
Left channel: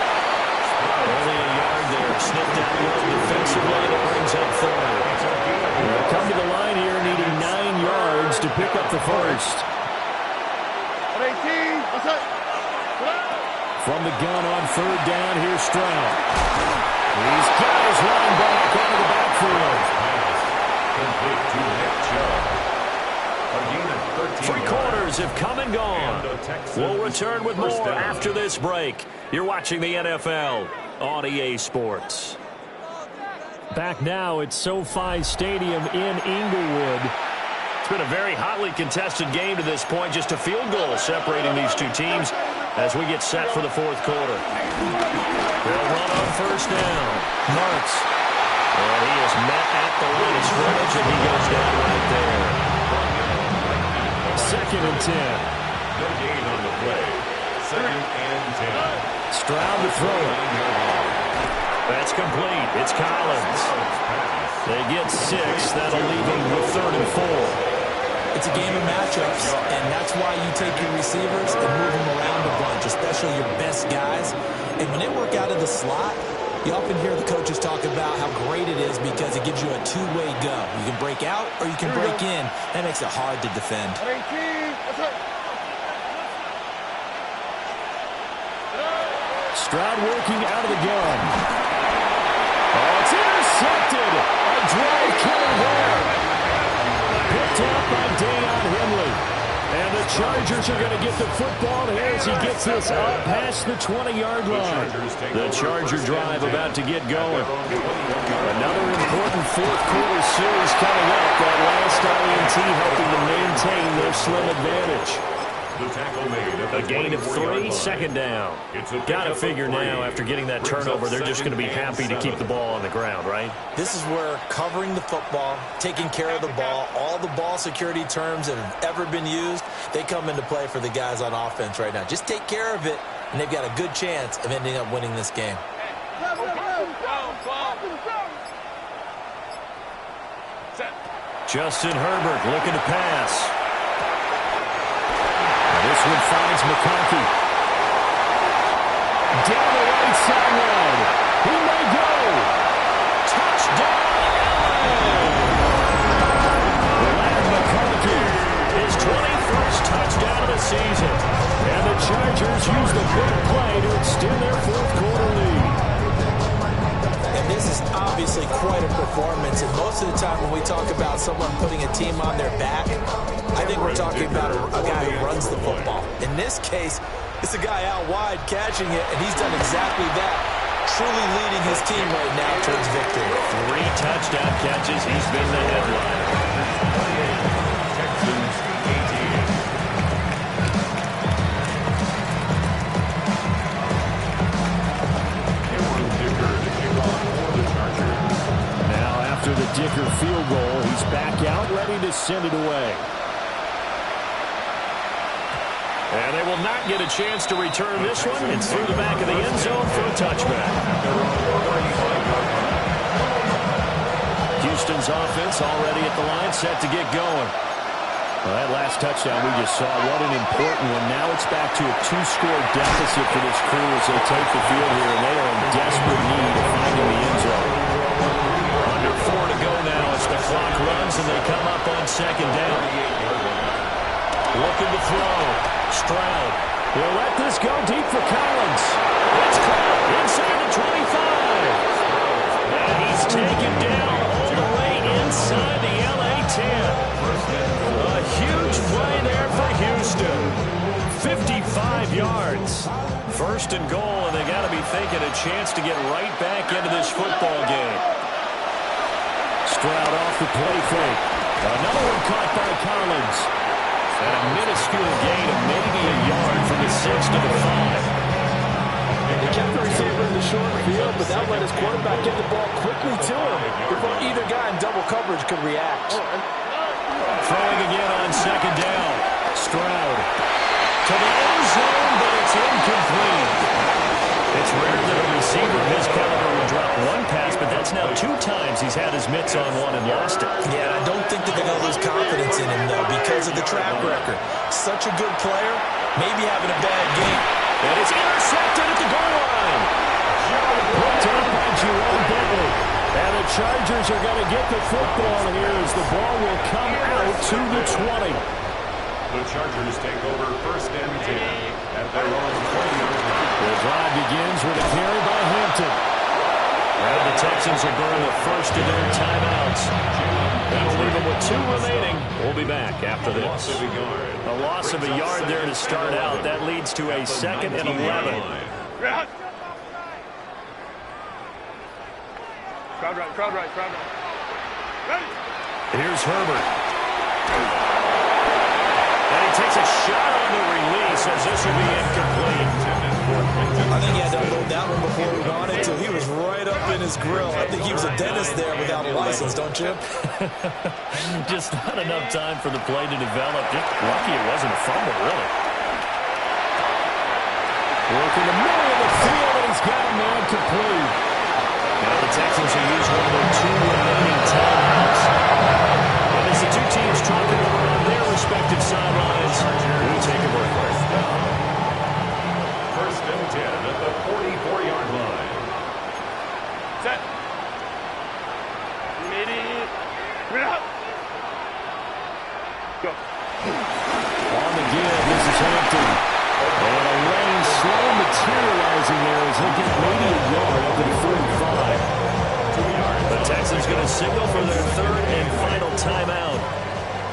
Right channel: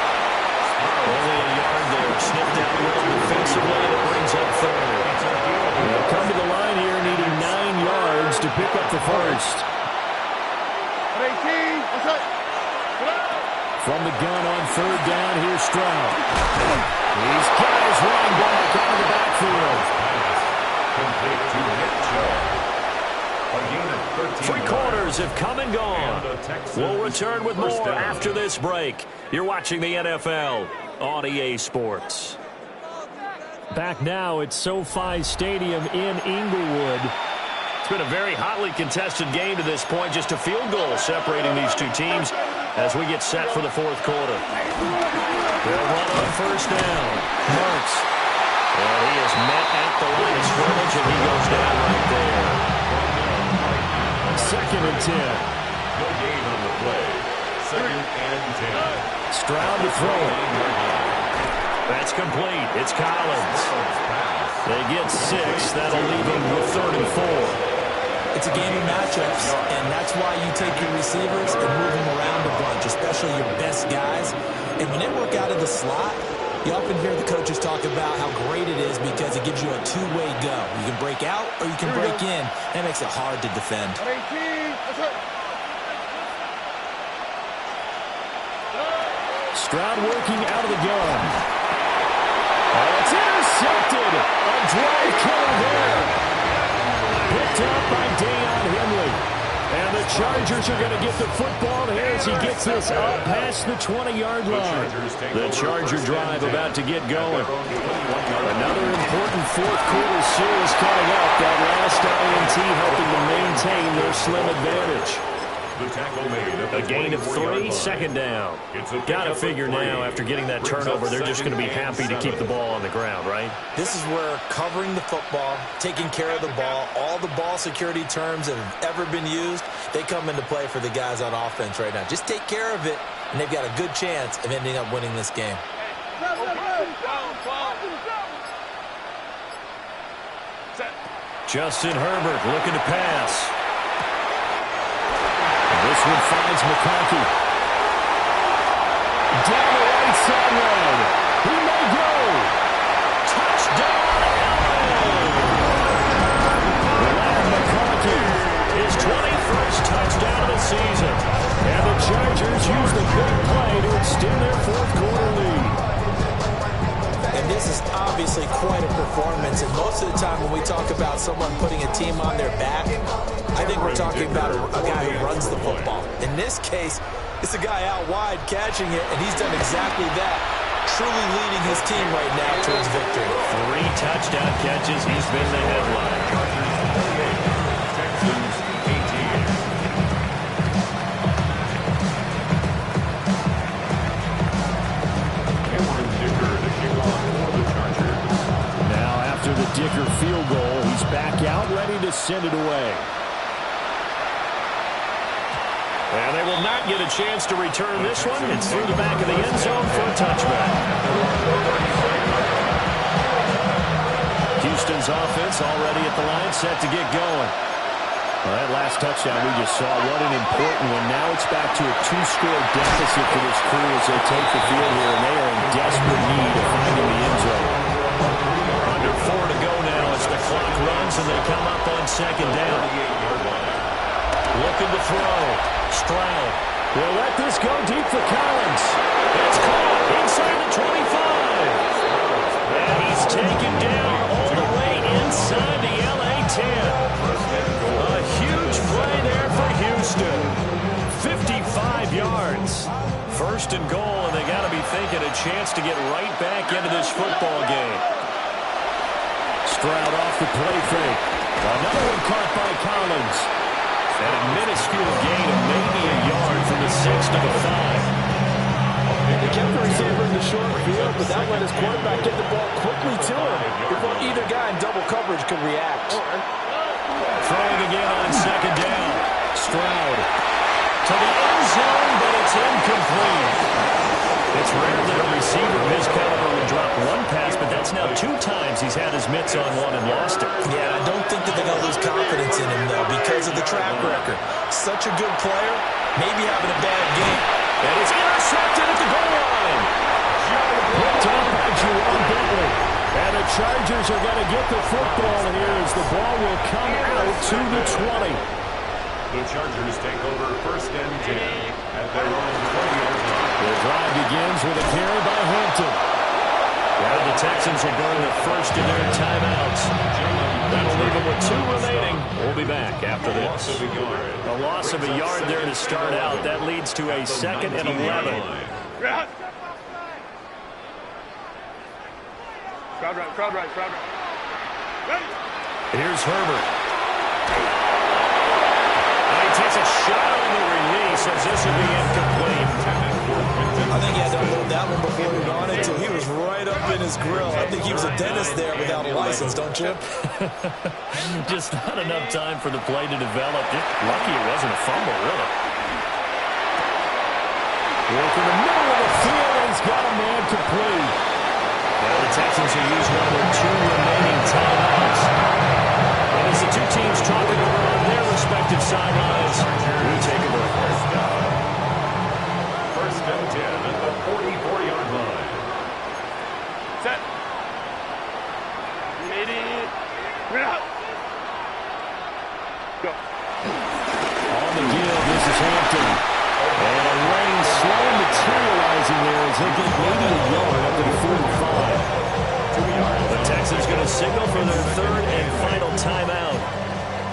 Only a yard there. Snipped out well defensively, and it brings up 3rd. They'll come to the line here needing 9 yards to pick up the first. From the gun on 3rd down, here's Stroud. He's got his running back out of the backfield. Complete to Nick Chubb. A gain of 13 3 quarters have come and gone. We'll return with more after this break. You're watching the NFL on EA Sports. Back now at SoFi Stadium in Inglewood. It's been a very hotly contested game to this point. Just a field goal separating these two teams as we get set for the fourth quarter. They'll run on first down. Marks. And he is met at the line of scrimmage, and he goes down right there. 2nd and 10. No gain on the play. 2nd and 10. Stroud to throw it. That's complete. It's Collins. They get 6. That'll leave them with 3rd and 4. It's a game of matchups, and that's why you take your receivers and move them around a bunch, especially your best guys. And when they work out of the slot, you often hear the coaches talk about how great it is because it gives you a two-way go. You can break out or you can break in. That makes it hard to defend. Stroud working out of the gun. Oh, it's intercepted. A drive killer there. Picked up by Deion Henley. And the Chargers are going to get the football here as he gets this up past the 20-yard line. The Charger drive about to get going. Another important fourth quarter series coming up. That last INT helping to maintain their slim advantage. The tackle made at the A gain of 3, 2nd down. Got to figure now after getting that turnover, they're just going to be happy to keep the ball on the ground, right? This is where covering the football, taking care of the ball, all the ball security terms that have ever been used, they come into play for the guys on offense right now. Just take care of it, and they've got a good chance of ending up winning this game. Justin Herbert looking to pass. This one finds McConkey. Down the right sideline. He may go. Touchdown, LA! Lad McConkey. His 21st touchdown of the season. And the Chargers use the big play to extend their fourth quarter lead. And this is obviously quite a performance. And most of the time when we talk about someone putting a team on their back, I think we're talking about a guy who runs the football. In this case, it's a guy out wide catching it, and he's done exactly that, truly leading his team right now towards victory. 3 touchdown catches. He's been the headliner. Texans 18. Dicker to kick off for the Chargers. Now after the Dicker field goal, he's back out ready to send it away. And they will not get a chance to return this one. It's through the back of the end zone for a touchback. Houston's offense already at the line, set to get going. Well, that last touchdown we just saw, what an important one. Now it's back to a 2-score deficit for this crew as they take the field here, and they are in desperate need of finding the end zone. Under 4 to go now as the clock runs and they come up on 2nd down. Looking to throw. Stroud. They'll let this go deep for Collins. It's caught inside the 25. And he's taken down all the way inside the LA 10. A huge play there for Houston. 55 yards. 1st and goal, and they got to be thinking a chance to get right back into this football game. Stroud off the play fake. Another one caught by Collins. And a minuscule gain of maybe a yard from the 6 to the 5. He kept the receiver in the short field, but that let his quarterback get the ball quickly to him before either guy in double coverage could react. Throwing again on 2nd down. Stroud to the end zone, but it's incomplete. It's rare that a receiver of his caliber would drop one pass, but that's now 2 times he's had his mitts on one and lost it. Yeah, I don't think that they're going to lose confidence in him, though, because of the track record. Such a good player, maybe having a bad game. And it's intercepted at the goal line. Picked up by Juwan Bentley. And the Chargers are going to get the football here as the ball will come out to the 20. The Chargers take over 1st and 10 at their own 20-yard line. The drive begins with a carry by Hampton. Now the Texans will burn the first of their timeouts. That'll leave them with 2 remaining. We'll be back after this. A loss of a yard there to start out. That leads to a 2nd and 11. Crowd right, crowd right, crowd right. Ready? Here's Herbert. And he takes a shot on the release as this will be incomplete. I think he had to unload that one before he wanted to. He was right up in his grill. I think he was a dentist there without a license, don't you? Just not enough time for the play to develop. Just lucky it wasn't a fumble, really. Work in the middle of the field, and he's got a man complete. Now the Texans will use one of their 2 remaining timeouts. And as the two teams talk it over on their respective sidelines, we take a break. First and 10 at the 44-yard line. Set. Ready? Ready up. Go. On the give, this is Hampton. And a lane slow materializing there as he'll get maybe a yard up to the 45. 2 yards. The Texans going to signal for their 3rd and final timeout.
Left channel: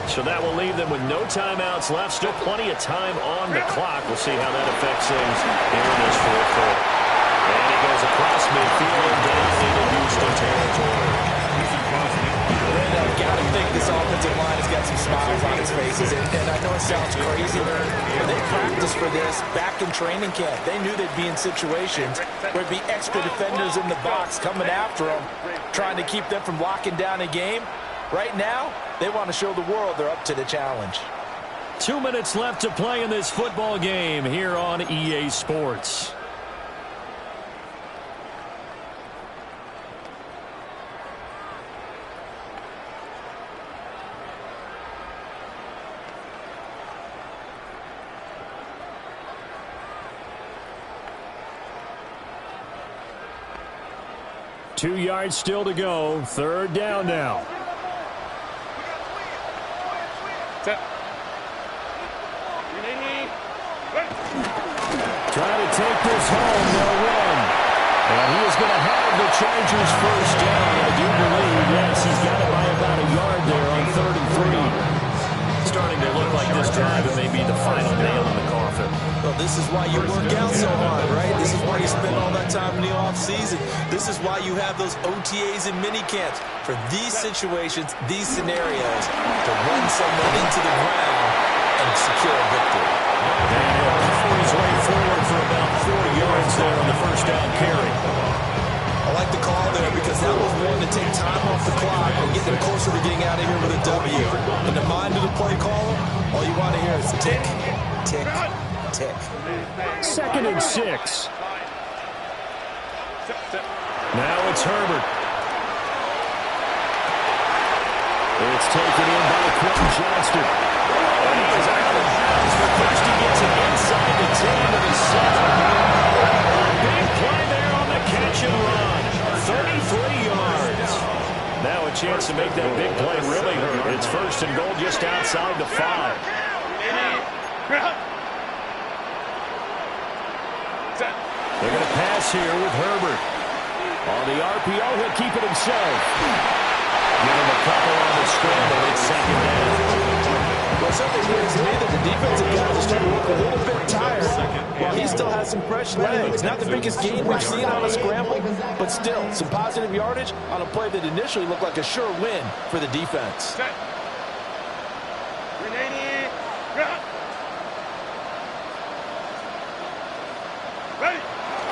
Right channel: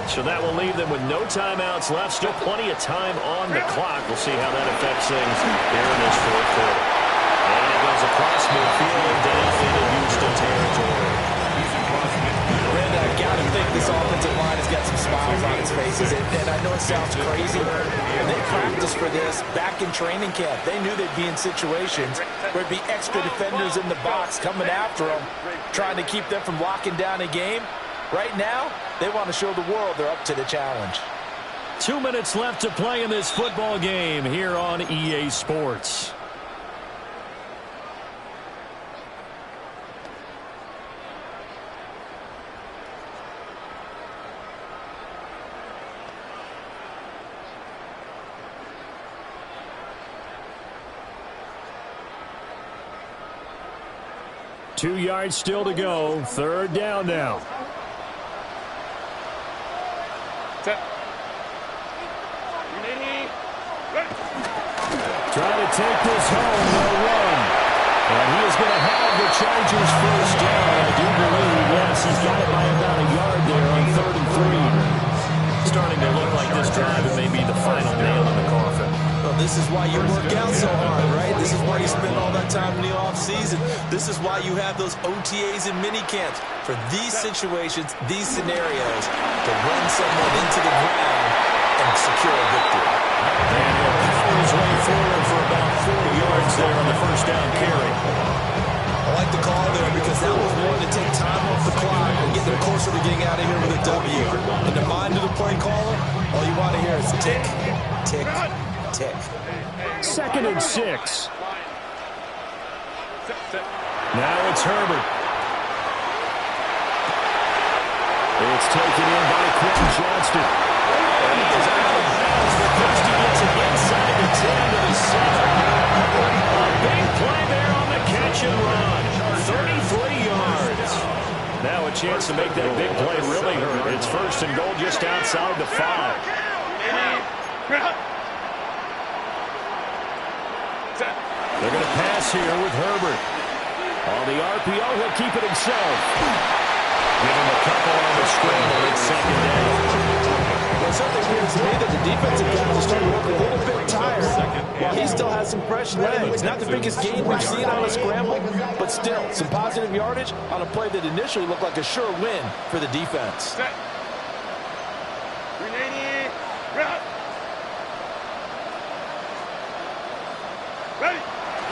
So that will leave them with no timeouts left. Still plenty of time on the clock. We'll see how that affects things here in this 4th quarter. And he goes across midfield and down into Houston territory. He's across midfield. Brenda, I've got to think this offensive line has got some smiles on its faces. And I know it sounds crazy. They practiced for this back in training camp. They knew they'd be in situations where it'd be extra defenders in the box coming after them, trying to keep them from locking down a game. Right now, they want to show the world they're up to the challenge. 2 minutes left to play in this football game here on EA Sports. Two yards still to go. 3rd down now. Set. Ready? Ready. Trying to take this home, they'll run. And he is going to have the Chargers first down. I do believe, yes, he's got it by about a yard there on 3rd and 3. Starting to look like this drive, it may be the final nail in the coffin. Well, this is why you work out so hard, right? This is why you spend all that time in the offseason. This is why you have those OTAs and mini camps for these situations, these scenarios, to run someone into the ground and secure a victory. And he'll power his way forward for about 4 yards there on the first down carry. I like the call there because that was one to take time off the clock and get them closer to getting out of here with a W. In the mind of the play caller, all you want to hear is tick, tick, tick. 2nd and 6. Now it's Herbert. It's taken in by Quentin Johnston. And he is out of bounds, but first he gets it inside the 10 to the 7. A big play there on the catch and run. 33 yards. Now a chance to make that big play really hurt. It's 1st and goal just outside the 5. They're going to pass here with Herbert. On the RPO, he'll keep it himself. Give him a couple on the scramble. It's 2nd down. Well, something appears to me that the defensive guys are starting to look a little bit tired while he still has some fresh legs. Not the biggest gain we've seen on a scramble, but still some positive yardage on a play that initially looked like a sure win for the defense. Set. Ready? Ready.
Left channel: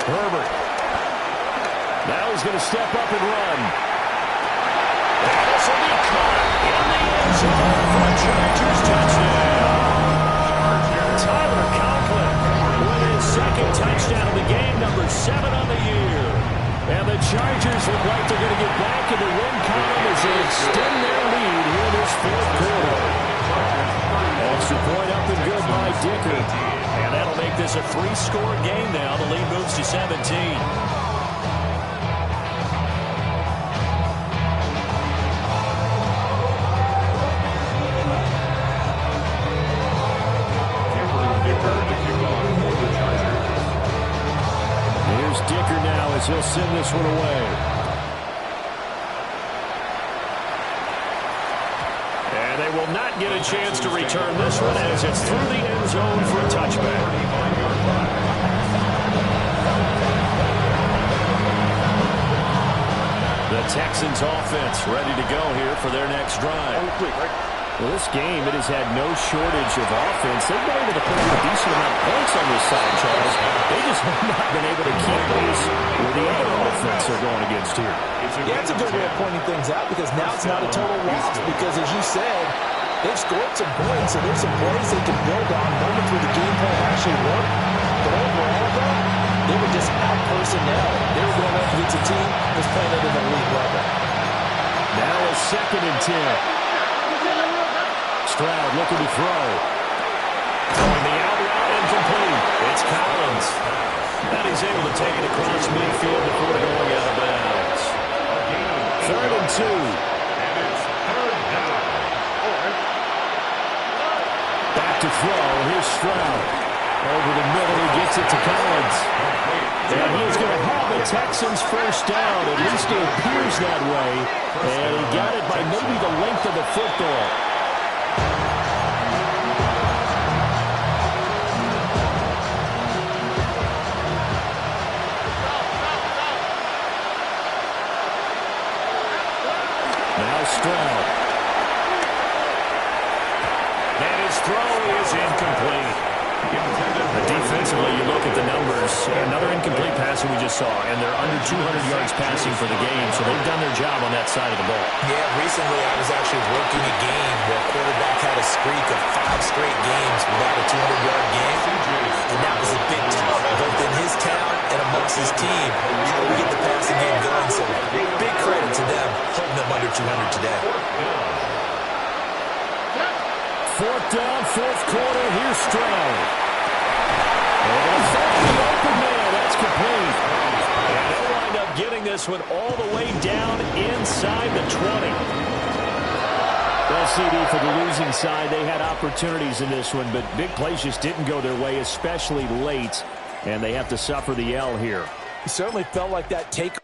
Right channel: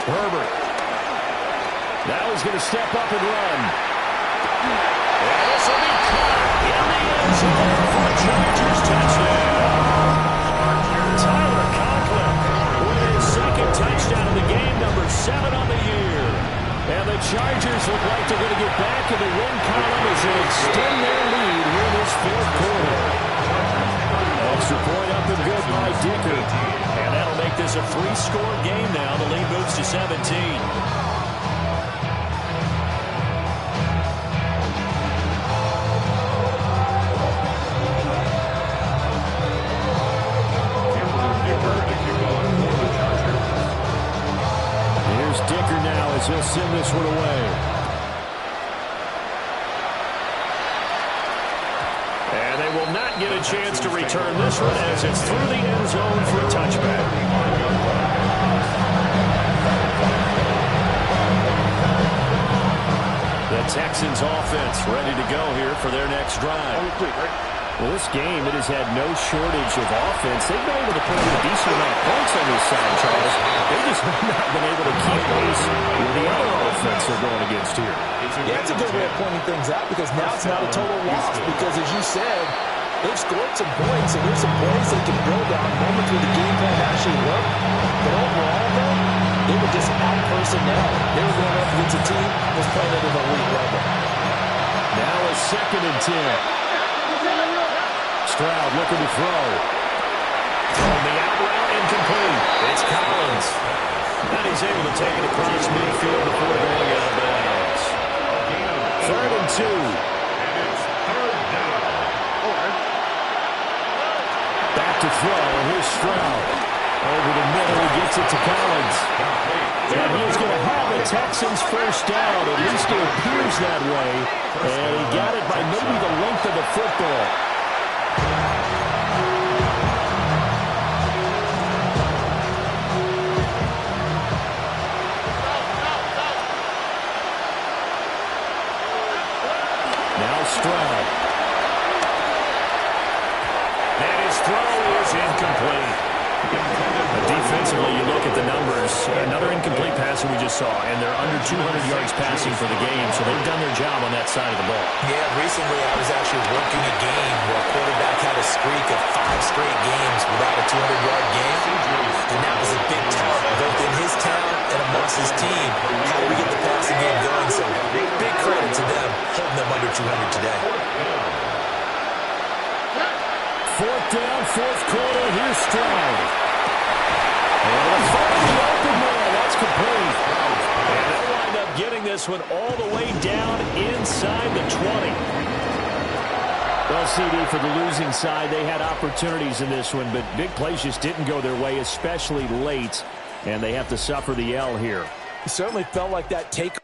Herbert. Now he's going to step up and run. And this will be caught in the end zone for a Chargers touchdown. Tyler Conklin with his 2nd touchdown of the game, number 7 on the year. And the Chargers look like they're going to get back in the win column as they extend their lead here in this 4th quarter. Extra point up and good by Dicker. And that'll make this a 3-score game now. The lead moves to 17. Here's Dicker now as he'll send this one away. And they will not get a chance to return this one as it's through the end zone for a touchback. The Texans offense ready to go here for their next drive. Well, this game, it has had no shortage of offense. They've been able to put up a decent amount of points on this side, Charles. They just have not been able to keep pace with the other offense they're going against here. Yeah, it's a good way of pointing things out because now it's not a total loss because, as you said, they've scored some points, so there's some plays they can build on, moments where the game plan actually worked. But overall, though, they were just out-personnel. They were going up against a team that was playing at an elite level. Now a 2nd and 10. Stroud looking to throw. Throwing the out route incomplete. It's Collins. And he's able to take it across midfield before going out of bounds. 3rd and 2. And it's 3rd down. Back to throw. Here's Stroud. Over the middle, he gets it to Collins. And he's going to have the Texans first down. At least it appears that way. And he got it by maybe the length of the football. Now Stroud. And his throw is incomplete. Defensively, you look at the numbers. Another incomplete pass that we just saw, and they're under 200 yards passing for the game, so they've done their job on that side of the ball. Yeah, recently I was actually working a game where a quarterback had a streak of 5 straight games without a 200-yard game, and that was a big tout, both in his town and amongst his team. How do we get the passing game going? So big credit to them, holding them under 200 today. 4th down, 4th quarter. Here's Stroud. And it's find the open man. That's complete. And they'll wind up getting this one all the way down inside the 20. Well, CD, for the losing side, they had opportunities in this one, but big plays just didn't go their way, especially late, and they have to suffer the L here. It certainly felt like that take